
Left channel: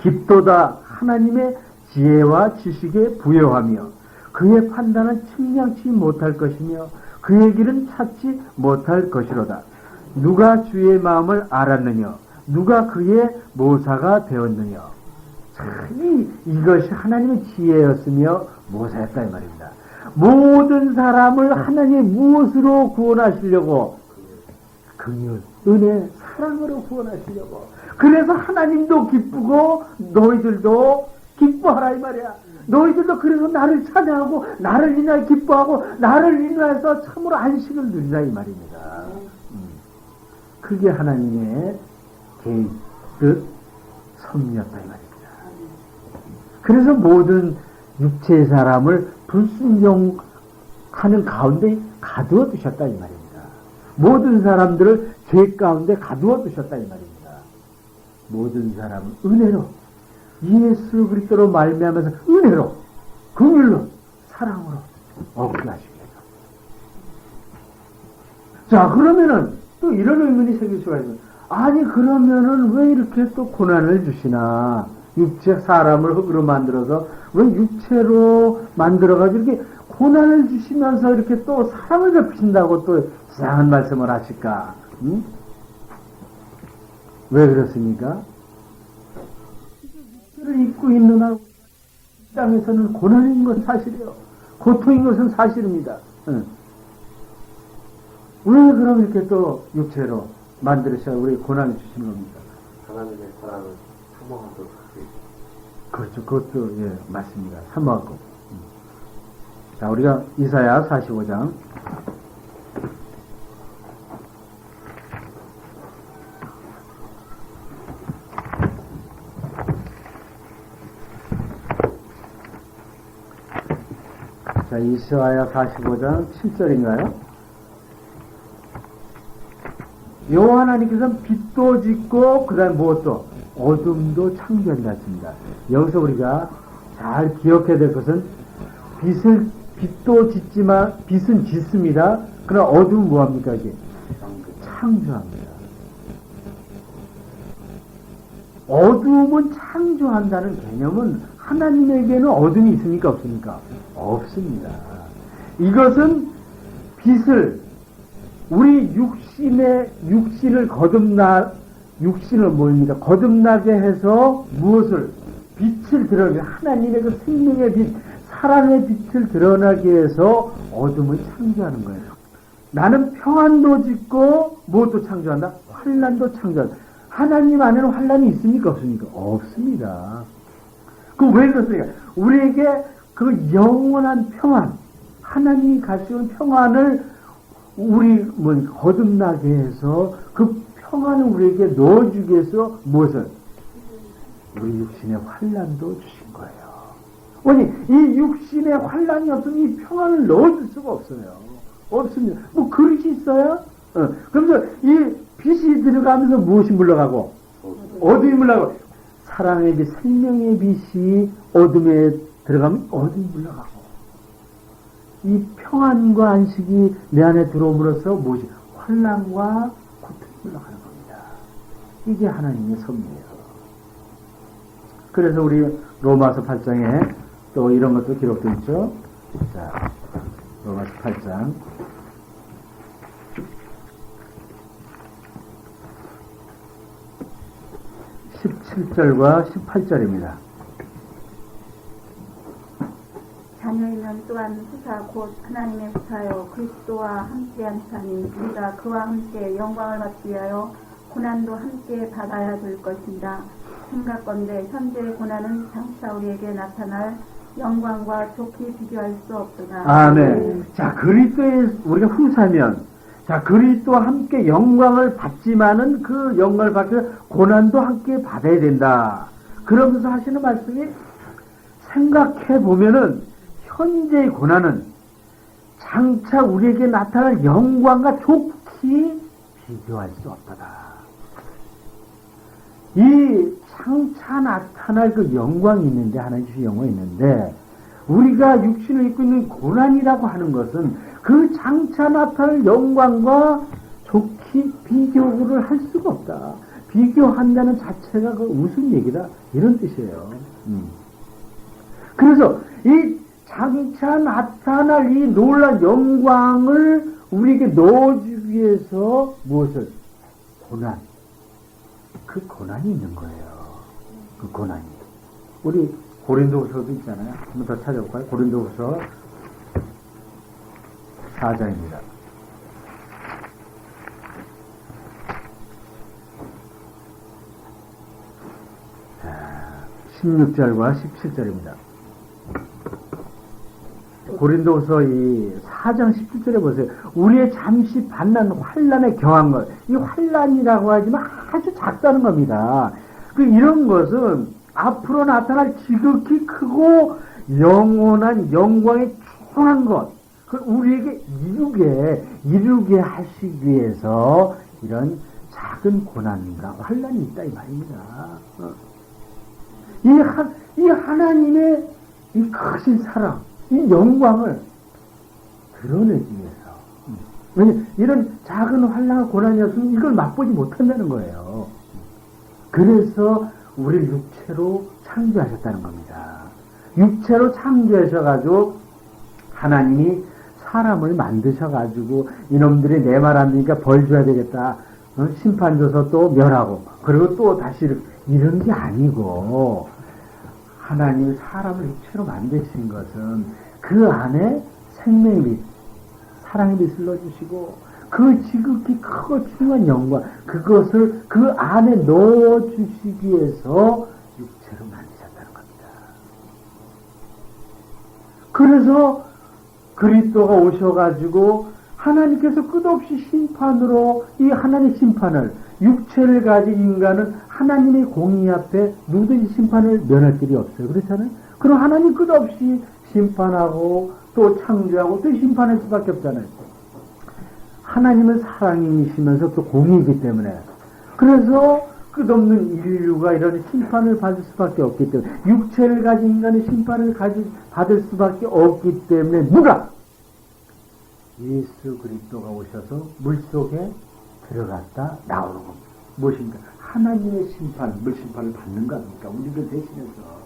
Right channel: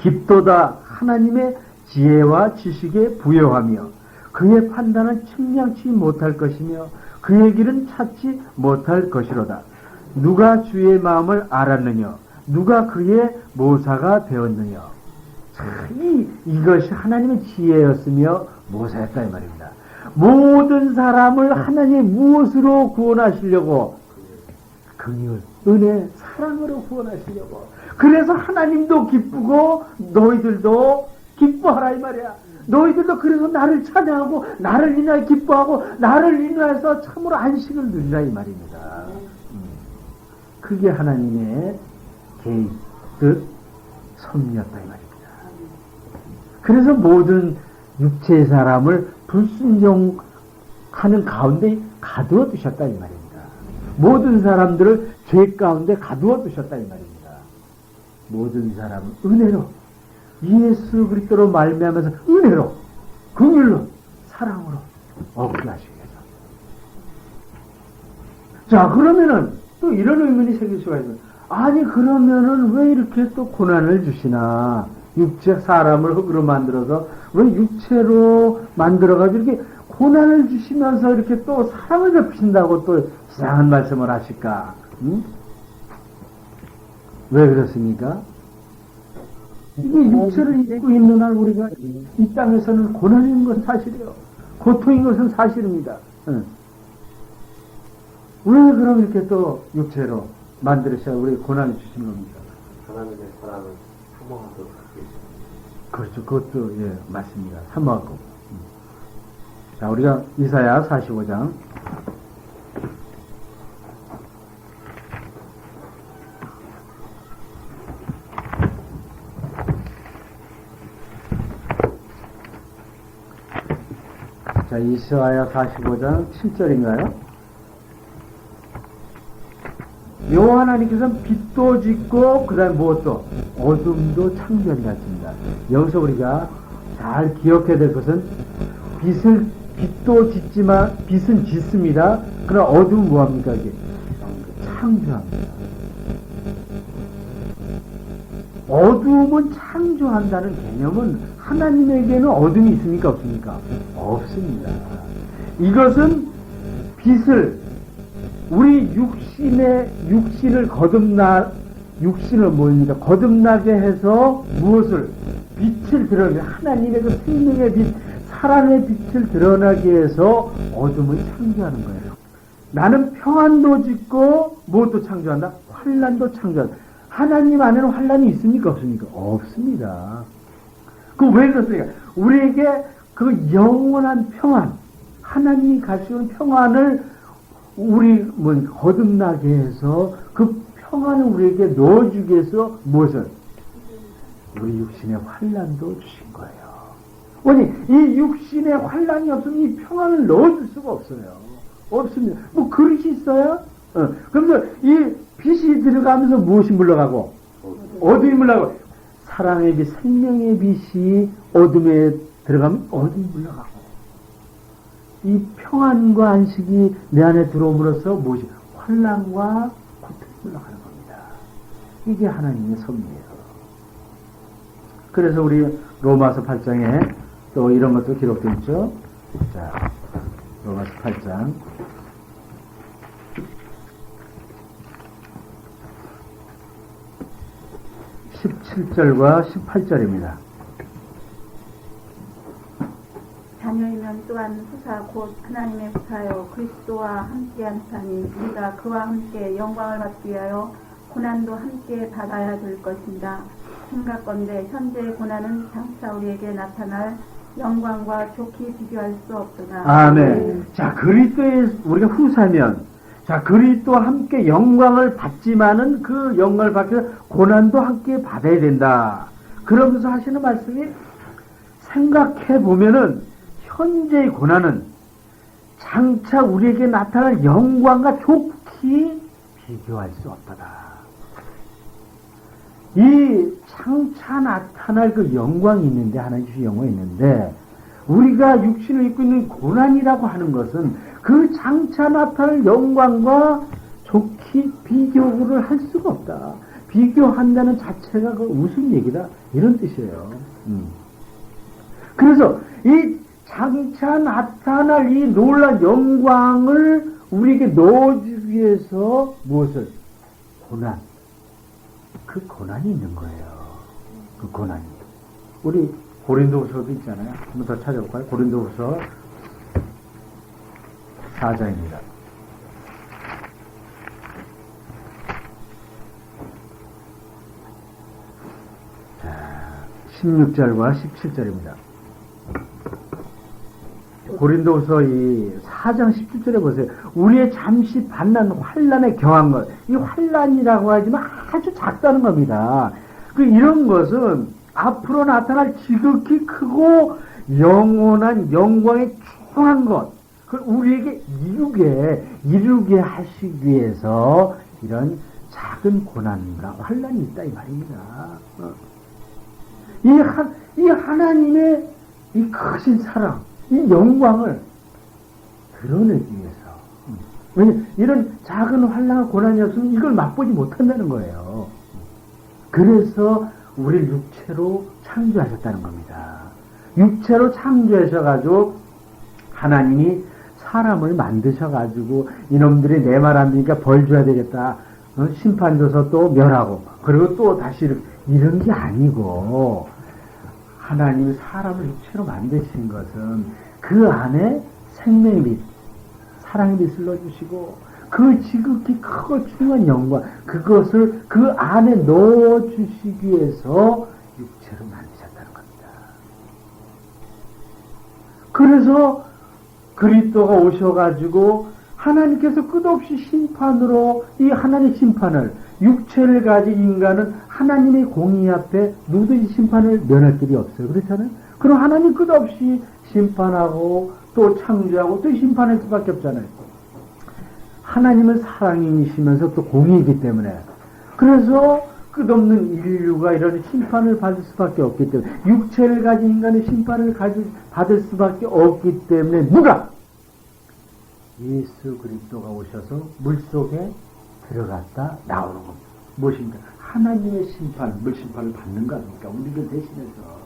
깊도다 하나님의 지혜와 지식에 부여하며 그의 판단은 측량치 못할 것이며 그의 길은 찾지 못할 것이로다. 누가 주의 마음을 알았느냐? 누가 그의 모사가 되었느냐? 이것이 하나님의 지혜였으며 모사였다 이 말입니다. 모든 사람을 하나님이 무엇으로 구원하시려고? 긍휼, 은혜, 사랑으로 구원하시려고. 그래서 하나님도 기쁘고 너희들도 기뻐하라 이 말이야. 너희들도 그래서 나를 찬양하고 나를 인하여 기뻐하고 나를 인하여서 참으로 안식을 누리라 이 말입니다. 그게 하나님의 개인 뜻 섭리였다 이 말입니다. 그래서 모든 육체의 사람을 불순종하는 가운데 가두어 두셨다 이 말입니다. 모든 사람들을 죄 가운데 가두어 두셨다 이 말입니다. 모든 사람은 은혜로 예수 그리스도로 말미암아서 은혜로 긍휼로 사랑으로 얻게 하시기 위해서. 자 그러면은 또 이런 의문이 생길 수가 있어요. 아니 그러면은 왜 이렇게 또 고난을 주시나? 육체 사람을 흙으로 만들어서 왜 육체로 만들어가지고 이렇게 고난을 주시면서 이렇게 또 사랑을 베푸신다고 또 이상한 말씀을 하실까? 응? 왜 그렇습니까? 이게 육체를 입고 있는 한 우리가 이 땅에서는 고난인 것은 사실이에요. 고통인 것은 사실입니다. 응. 왜 그럼 이렇게 또 육체로 만들으셔 우리 고난을 주시는 겁니까? 하나님의 사랑을 사모하도록 하시고. 그렇죠. 그것도 예 맞습니다. 사모하고. 자 우리가 이사야 45장 자 이사야 45장 7절인가요? 여호와 하나님께서는 빛도 짓고 그 다음에 무엇도 어둠도 창조한다 했습니다. 여기서 우리가 잘 기억해야 될 것은 빛을 빛도 짓지만 빛은 짓습니다. 그러나 어둠은 뭐합니까? 이게 창조합니다. 어둠은 창조한다는 개념은 하나님에게는 어둠이 있습니까? 없습니까? 없습니다. 이것은 빛을 우리 육신을 육신을 뭐입니까? 거듭나게 해서 무엇을? 빛을 드러내게, 하나님의 그 생명의 빛, 사랑의 빛을 드러나게 해서 어둠을 창조하는 거예요. 나는 평안도 짓고 무엇도 창조한다? 환란도 창조한다. 하나님 안에는 환란이 있습니까? 없습니까? 없습니다. 그럼 왜 그렇습니까? 우리에게 그 영원한 평안, 하나님이 가시는 평안을 우리 거듭나게 해서 그 평안을 우리에게 넣어주기 위해서 무엇을? 우리 육신의 환란도 주신 거예요. 아니, 이 육신의 환란이 없으면 이 평안을 넣어줄 수가 없어요. 없습니다. 뭐 그릇이 있어요? 그러면서 이 빛이 들어가면서 무엇이 물러가고? 어둠이 물러가고. 사랑의 빛, 생명의 빛이 어둠에 들어가면 어둠이 물러가고. 이 평안과 안식이 내 안에 들어옴으로써 무엇이? 환란과 고통이 물러가는 겁니다. 이게 하나님의 섭리예요. 그래서 우리 로마서 8장에 또 이런 것도 기록되어 있죠. 자, 로마서 8장 17절과 18절입니다. 자녀이면 또한 후사 곧 하나님의 후사요 그리스도와 함께한 자니 우리가 그와 함께 영광을 받기 위하여 고난도 함께 받아야 될 것입니다. 생각건대 현재의 고난은 장차 우리에게 나타날 영광과 좋게 비교할 수 없도다. 아멘. 자, 그리스도의 우리가 후사면, 자, 그리스도와 함께 영광을 받지만은 그 영광을 받기 위해 고난도 함께 받아야 된다. 그러면서 하시는 말씀이 생각해 보면은 현재의 고난은 장차 우리에게 나타날 영광과 좋게 비교할 수 없도다. 이 장차 나타날 그 영광이 있는데, 하나님 주신 영광이 있는데, 우리가 육신을 입고 있는 고난이라고 하는 것은 그 장차 나타날 영광과 좋게 비교를 할 수가 없다. 비교한다는 자체가 그 무슨 얘기다? 이런 뜻이에요. 그래서 이 장차 나타날 이 놀라운 영광을 우리에게 넣어주기 위해서 무엇을? 고난. 그 고난이 있는 거예요. 그 고난이. 우리 고린도후서도 있잖아요. 한번 더 찾아볼까요? 고린도후서 4장입니다. 16절과 17절입니다. 고린도후서 이 4장 17절에 보세요. 우리의 잠시 받는 환란에 경한 것. 이 환란이라고 하지만 아주 작다는 겁니다. 이런 것은 앞으로 나타날 지극히 크고 영원한 영광에 충만한 것. 우리에게 이루게 하시기 위해서 이런 작은 고난과 환란이 있다 이 말입니다. 이 하나님의 이 크신 사랑, 이 영광을 드러내기 위해서. 왜냐하면 이런 작은 환난과 고난이 없으면 이걸 맛보지 못한다는 거예요. 그래서 우리를 육체로 창조하셨다는 겁니다. 육체로 창조하셔가지고 하나님이 사람을 만드셔가지고 이놈들이 내 말 안 듣니까 벌 줘야 되겠다. 심판 줘서 또 멸하고 그리고 또 다시 이런 게 아니고 하나님이 사람을 육체로 만드신 것은 그 안에 생명의 빛, 사랑의 빛을 넣어주시고 그 지극히 크고 중요한 영광 그것을 그 안에 넣어주시기 위해서 육체로 만드셨다는 겁니다. 그래서 그리스도가 오셔가지고 하나님께서 끝없이 심판으로 이 하나님의 심판을 육체를 가진 인간은 하나님의 공의 앞에 누구든지 심판을 면할 길이 없어요. 그렇잖아요. 그럼 하나님 끝없이 심판하고 또 창조하고 또 심판할 수밖에 없잖아요. 하나님은 사랑이시면서 또 공의이기 때문에 그래서 끝없는 인류가 이런 심판을 받을 수밖에 없기 때문에, 육체를 가진 인간의 심판을 받을 수밖에 없기 때문에 누가? 예수 그리스도가 오셔서 물속에 들어갔다 나오는 겁니다. 무엇입니까? 하나님의 심판, 물심판을 받는 겁니까? 우리를 대신해서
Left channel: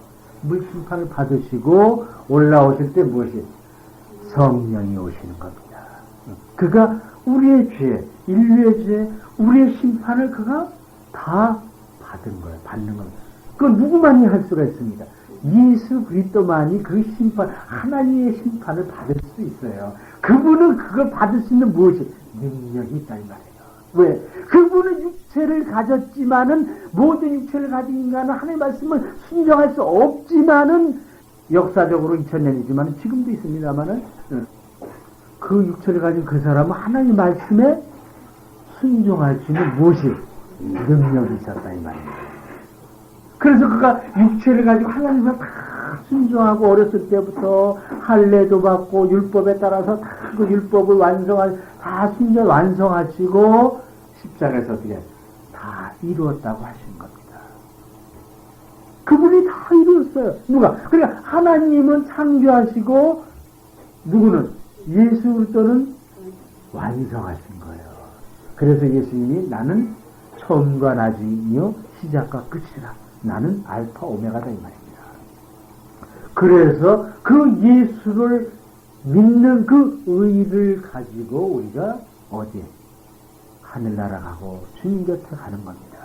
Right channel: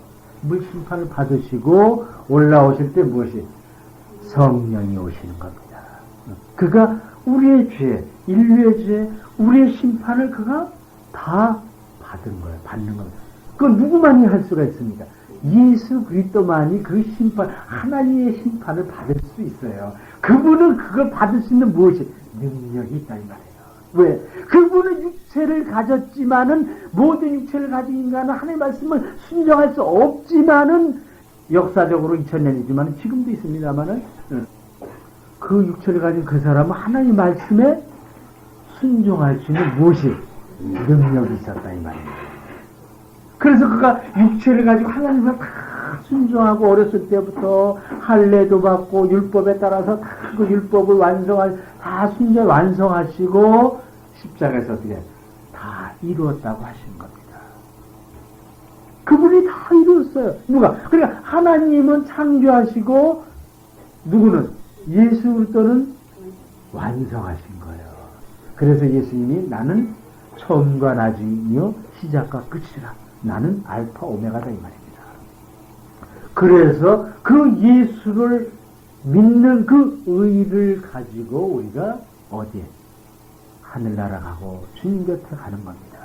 물심판을 받으시고 올라오실 때 무엇이? 성령이 오시는 겁니다. 그가 우리의 죄, 인류의 죄, 우리의 심판을 그가 다 받은 거예요. 받는 겁니다. 그건 누구만이 할 수가 있습니까? 예수 그리스도만이 그 심판, 하나님의 심판을 받을 수 있어요. 그분은 그걸 받을 수 있는 무엇이? 능력이 있다 이 말이에요. 왜? 그분은 육체를 가졌지만은, 모든 육체를 가진 인간은 하나님의 말씀을 순종할 수 없지만은, 역사적으로 2000년이지만 지금도 있습니다만은, 그 육체를 가진 그 사람은 하나님의 말씀에 순종할 수 있는 무엇이? 능력이 있었다 이 말이에요. 그래서 그가 육체를 가지고 하나님을 다 순종하고 어렸을 때부터 할례도 받고 율법에 따라서 다 그 율법을 다 순종 완성하시고 십자가에서 어떻게 다 이루었다고 하신 겁니다. 그분이 다 이루었어요. 누가? 그러니까 하나님은 창조하시고 누구는? 예수 그리스도는 완성하신 거예요. 그래서 예수님이 나는 처음과 나중이요 시작과 끝이라. 나는 알파 오메가다 이 말입니다. 그래서 그 예수를 믿는 그 의를 가지고 우리가 어디에? 하늘나라 가고 주님 곁에 가는 겁니다.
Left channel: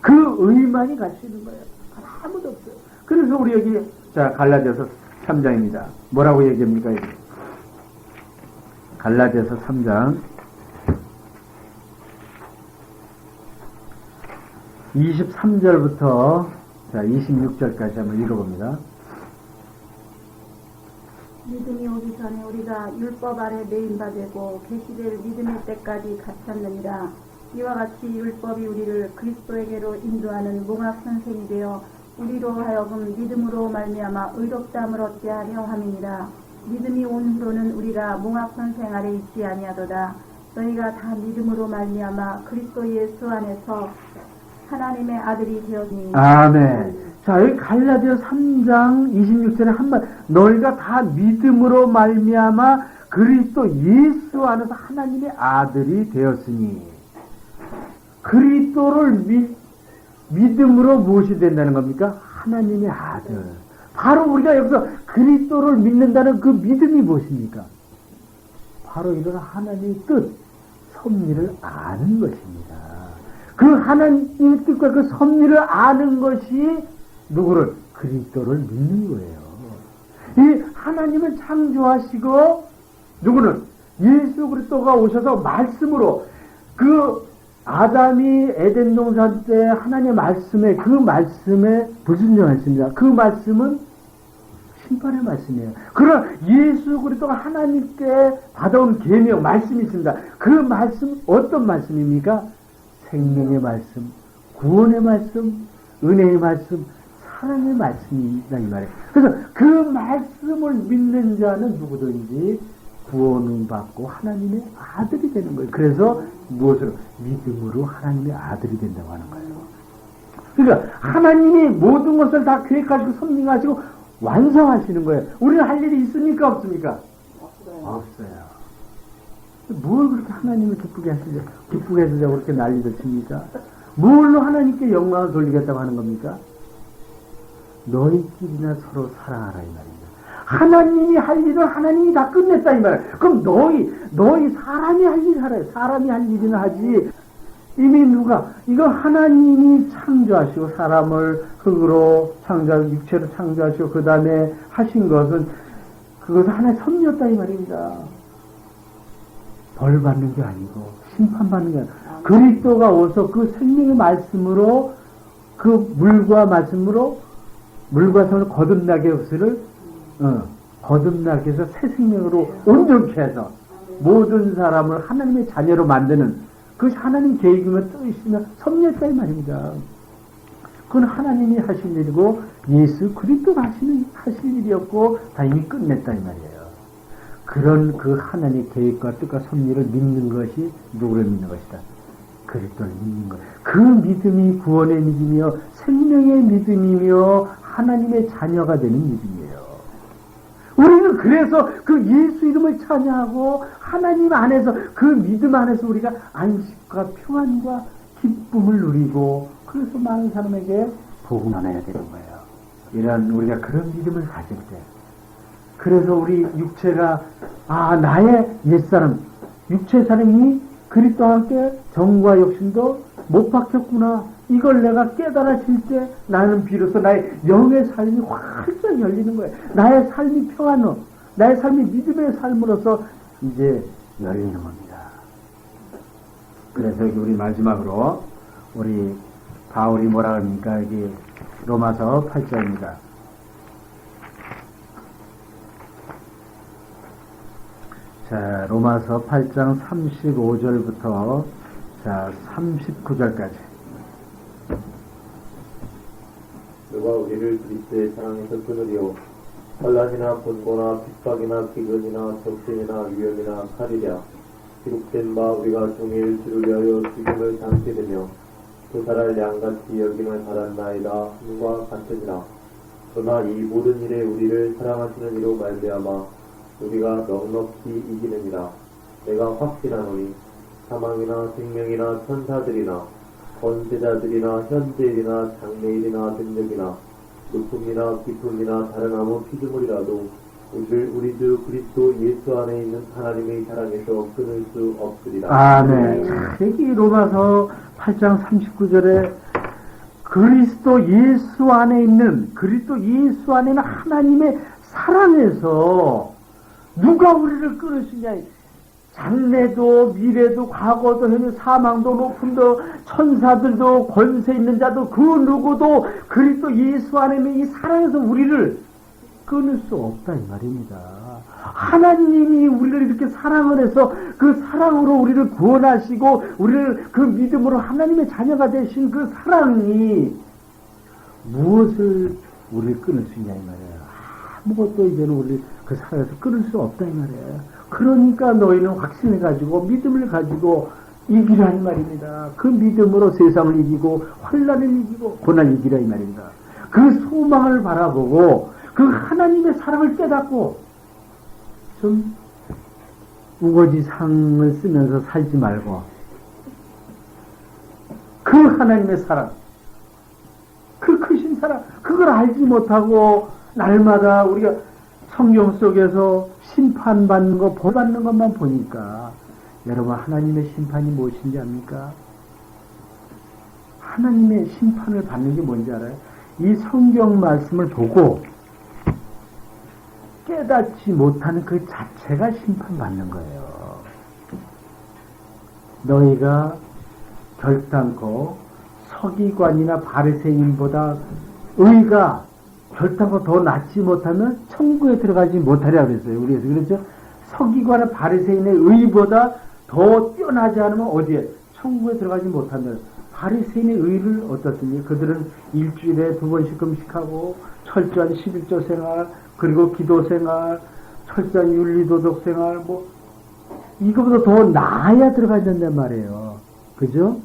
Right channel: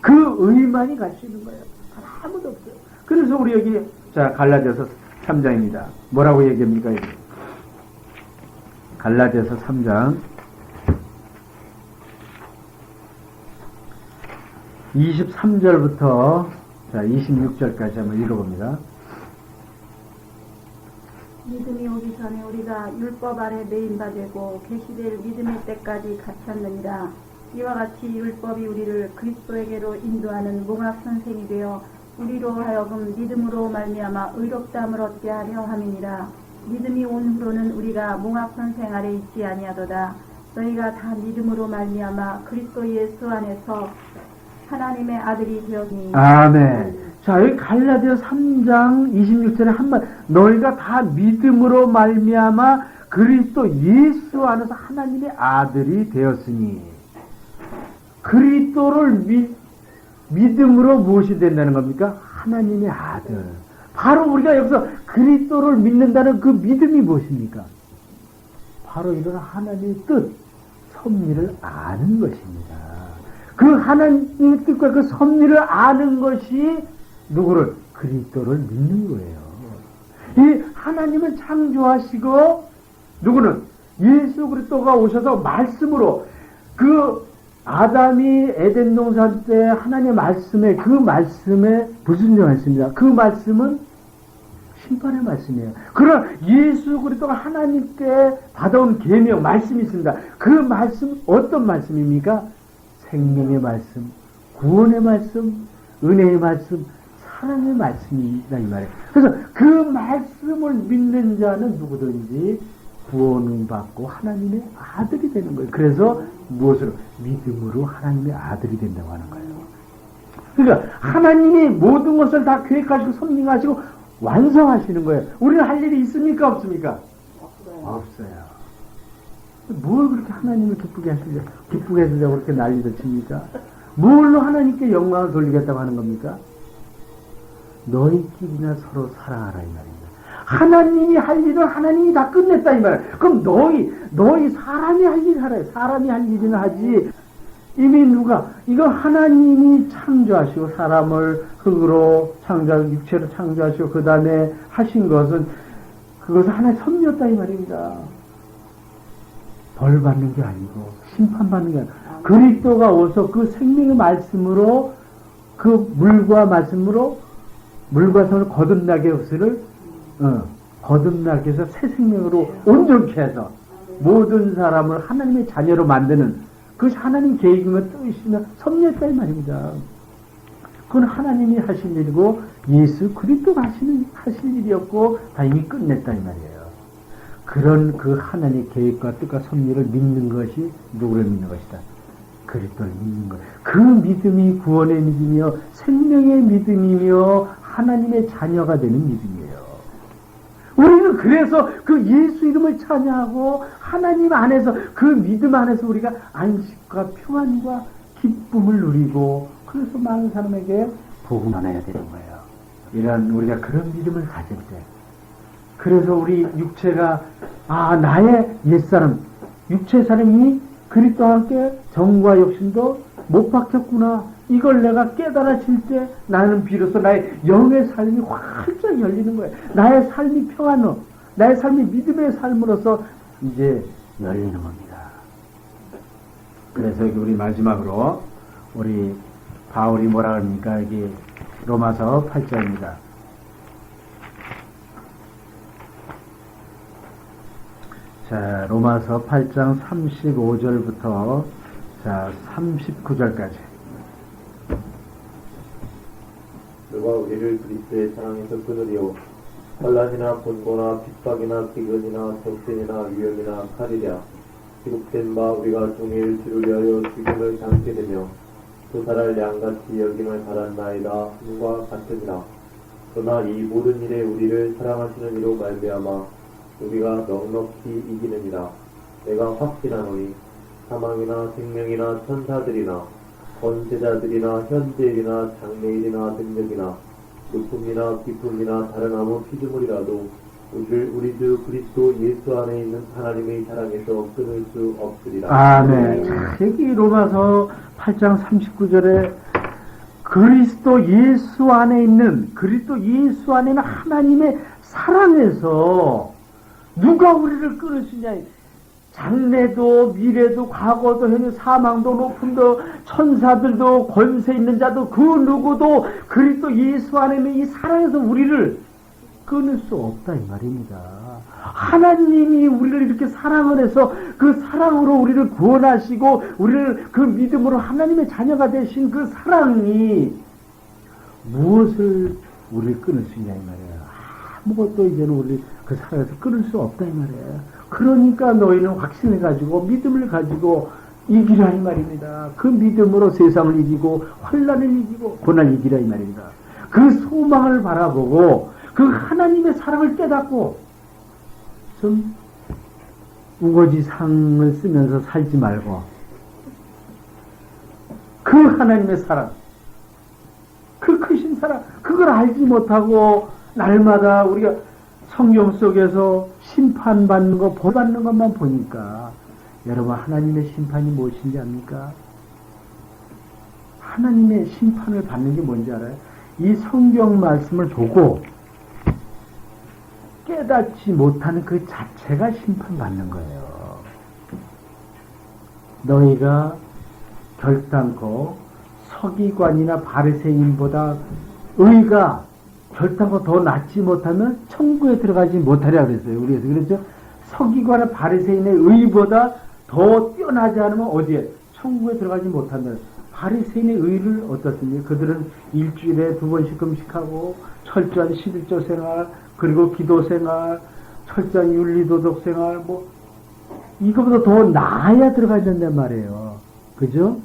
그 의만이 갈 수 있는 거예요. 아무도 없어요. 그래서 우리 여기 자 갈라디아서 3장입니다. 뭐라고 얘기합니까? 이게? 갈라디아서 3장 23절부터 자 26절까지 한번 읽어봅니다. 믿음이 오기 전에 우리가 율법 아래 매인 바 되고 계시될 믿음의 때까지 갇혔느니라. 이와 같이 율법이 우리를 그리스도에게로 인도하는 몽학 선생이 되어 우리로 하여금 믿음으로 말미암아 의롭다함을 얻게 하려 함이니라. 믿음이 온 후로는 우리가 몽학 선생 아래 있지 아니하도다. 너희가 다 믿음으로 말미암아 그리스도 예수 안에서 하나님의 아들이 되었니. 아멘. 자, 여기 갈라디아 3장 26절에 한번 너희가 다 믿음으로 말미암아 그리스도 예수 안에서 하나님의 아들이 되었으니. 그리스도를 믿음으로 무엇이 된다는 겁니까? 하나님의 아들. 바로 우리가 여기서 그리스도를 믿는다는 그 믿음이 무엇입니까? 바로 이런 하나님의 뜻, 섭리를 아는 것입니다. 그 하나님의 뜻과 그 섭리를 아는 것이 누구를? 그리스도를 믿는 거예요. 이 하나님은 창조하시고 누구는? 예수 그리스도가 오셔서 말씀으로 그 아담이 에덴 동산 때 하나님의 말씀에 그 말씀에 불순종했습니다. 그 말씀은 심판의 말씀이에요. 그러나 예수 그리스도가 하나님께 받아온 계명 말씀이 있습니다. 그 말씀 어떤 말씀입니까? 생명의 말씀, 구원의 말씀, 은혜의 말씀, 사랑의 말씀이다 이 말이에요. 그래서 그 말씀을 믿는 자는 누구든지 구원을 받고 하나님의 아들이 되는 거예요. 그래서 무엇으로? 믿음으로 하나님의 아들이 된다고 하는 거예요. 그러니까 하나님이 모든 것을 다 계획하시고 섭리하시고 완성하시는 거예요. 우리는 할 일이 있습니까? 없습니까? 없어요. 뭘 그렇게 하나님을 기쁘게 해주려고 그렇게 난리를 칩니까? 뭘로 하나님께 영광을 돌리겠다고 하는 겁니까? 너희끼리나 서로 사랑하라 이 말입니다. 하나님이 할 일은 하나님이 다 끝냈다 이 말이에요. 그럼 너희 사람이 할 일 하라. 사람이 할 일이나 하지. 이미 누가? 이거 하나님이 창조하시고 사람을 흙으로 창조하고 육체로 창조하시고 그 다음에 하신 것은 그것은 하나의 섭리였다 이 말입니다. 벌 받는 게 아니고 심판 받는 게 아니고 그리스도가 오서 그 생명의 말씀으로 그 물과 말씀으로 물과 손을 거듭나게 해서를 거듭나게 해서 새 생명으로 온전케 해서 모든 사람을 하나님의 자녀로 만드는 그것이 하나님 계획이며 뜻이며 섭리였다 이 말입니다. 그건 하나님이 하신 일이고 예수 그리스도가 하실 일이었고 다 이미 끝냈다 이 말이에요. 그런 그 하나님의 계획과 뜻과 섭리를 믿는 것이 누구를 믿는 것이다? 그리스도를 믿는 것. 그 믿음이 구원의 믿음이며 생명의 믿음이며 하나님의 자녀가 되는 믿음이에요. 우리는 그래서 그 예수 이름을 찬양하고 하나님 안에서 그 믿음 안에서 우리가 안식과 평안과 기쁨을 누리고 그래서 많은 사람에게 복음 전해야 되는 거예요. 이런 우리가 그런 믿음을 가질 때 그래서 우리 육체가 나의 옛사람 육체 사람이 그리스도와 함께 정과 욕심도 못 박혔구나. 이걸 내가 깨달아질 때 나는 비로소 나의 영의 삶이 활짝 열리는 거예요. 나의 삶이 평안로 나의 삶이 믿음의 삶으로서 이제 열리는 겁니다. 그래서 우리 마지막으로 우리 바울이 뭐라 합니까? 이게 로마서 8장입니다. 자, 로마서 8장 35절부터 자, 39절까지. 누가 우리를 그리스도의 사랑에서 끊으리요 환난이나 분고나 핍박이나 기근이나 정신이나 위험이나 칼이랴 기록된 바 우리가 종일 주를 위하여 죽임을 당하게 되며 도살할 양같이 여김을 받았나이다 함과 같으니라. 그러나 이 모든 일에 우리를 사랑하시는 이로 말미암아 우리가 넉넉히 이기느니라. 내가 확신하노니 사망이나 생명이나 천사들이나 권세자들이나 현재일이나 장래일이나 능력이나 높음이나 깊음이나 다른 아무 피조물이라도 우리 주 그리스도 예수 안에 있는 하나님의 사랑에서 끊을 수 없으리라. 아멘. 자, 여기 로마서 8장 39절에 그리스도 예수 안에 있는 하나님의 사랑에서 누가 우리를 끊을 수 있냐. 장래도 미래도 과거도 현재 사망도 높음도 천사들도 권세 있는 자도 그 누구도 그리스도 예수 안에 있는 이 사랑에서 우리를 끊을 수 없다 이 말입니다. 하나님이 우리를 이렇게 사랑을 해서 그 사랑으로 우리를 구원하시고 우리를 그 믿음으로 하나님의 자녀가 되신 그 사랑이 무엇을 우리를 끊을 수 있냐 이 말이에요. 아무것도 이제는 우리 그 사랑에서 끊을 수 없다 이 말이에요. 그러니까 너희는 확신을 가지고 믿음을 가지고 이기라 이 말입니다. 그 믿음으로 세상을 이기고 환난을 이기고 고난을 이기라 이 말입니다. 그 소망을 바라보고 그 하나님의 사랑을 깨닫고 좀 우거지 상을 쓰면서 살지 말고 그 하나님의 사랑 그 크신 사랑 그걸 알지 못하고 날마다 우리가 성경 속에서 심판받는 거, 벌받는 것만 보니까 여러분 하나님의 심판이 무엇인지 압니까? 하나님의 심판을 받는 게 뭔지 알아요? 이 성경 말씀을 보고 깨닫지 못하는 그 자체가 심판받는 거예요. 너희가 결단코 서기관이나 바리새인보다 의가 결단코 더 낫지 못하면 천국에 들어가지 못하리라 그랬어요. 우리에서 그렇죠? 서기관이나 바리새인의 의보다 더 뛰어나지 않으면 어디에? 천국에 들어가지 못하면 바리새인의 의를 어떻습니까? 그들은 일주일에 2번씩 금식하고 철저한 11조 생활 그리고 기도 생활 철저한 윤리도덕 생활 이거보다 더 나아야 들어가야 된단 말이에요. 그죠?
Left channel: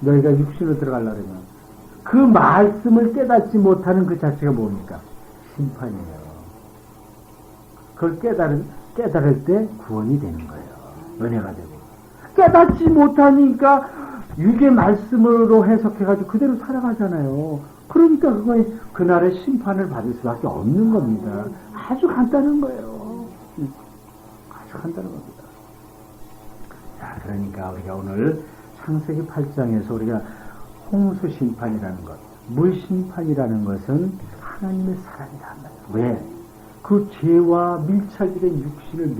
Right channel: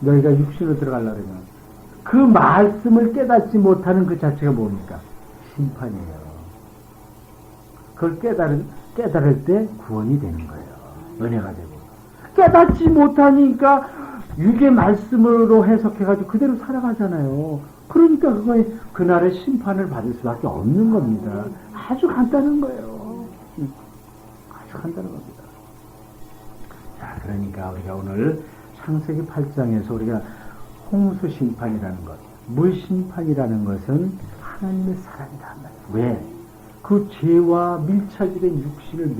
너희가 육신으로 들어가려고 그러면 그 말씀을 깨닫지 못하는 그 자체가 뭡니까? 심판이에요. 그걸 깨달을 때 구원이 되는 거예요. 은혜가 되고. 깨닫지 못하니까 육의 말씀으로 해석해가지고 그대로 살아가잖아요. 그러니까 그거에 그날의 심판을 받을 수밖에 없는 겁니다. 아주 간단한 거예요. 아주 간단한 겁니다. 자, 그러니까 우리가 오늘 창세기 8장에서 우리가 홍수 심판이라는 것, 물 심판이라는 것은 하나님의 사랑이다. 왜? 그 죄와 밀착이 된 육신을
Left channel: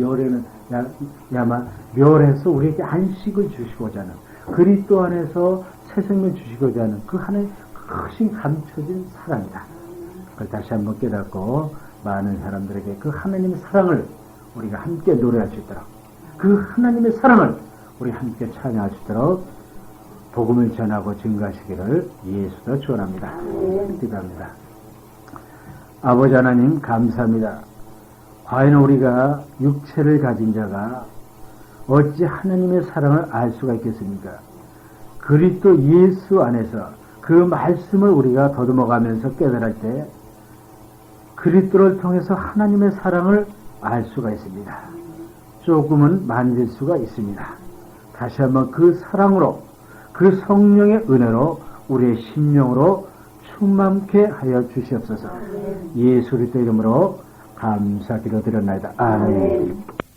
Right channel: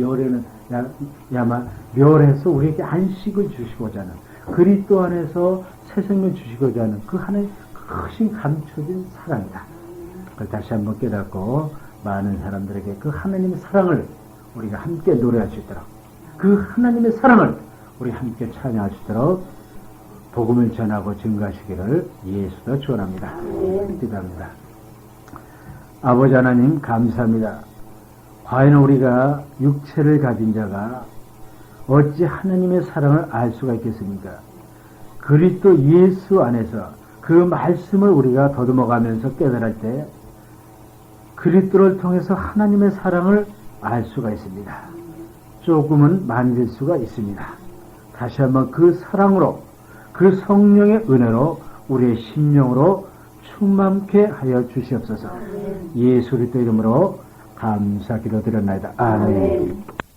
멸해서 우리에게 안식을 주시고자 하는 그리스도 안에서 새 생명 주시고자 하는 그 하나의 크신 감춰진 사랑이다. 그걸 다시 한번 깨닫고 많은 사람들에게 그 하나님의 사랑을 우리가 함께 노래할 수 있도록 그 하나님의 사랑을 우리 함께 찬양할 수 있도록 복음을 전하고 증거하시기를 예수가 축원합니다. 기도합니다. 아버지 하나님 감사합니다. 과연 우리가 육체를 가진 자가 어찌 하나님의 사랑을 알 수가 있겠습니까? 그리스도 예수 안에서 그 말씀을 우리가 더듬어가면서 깨달을 때 그리스도를 통해서 하나님의 사랑을 알 수가 있습니다. 조금은 만질 수가 있습니다. 다시 한번 그 사랑으로 그 성령의 은혜로 우리의 심령으로 충만케 하여 주시옵소서. 예수 그리스도 이름으로 감사 기도드렸나이다. 아멘.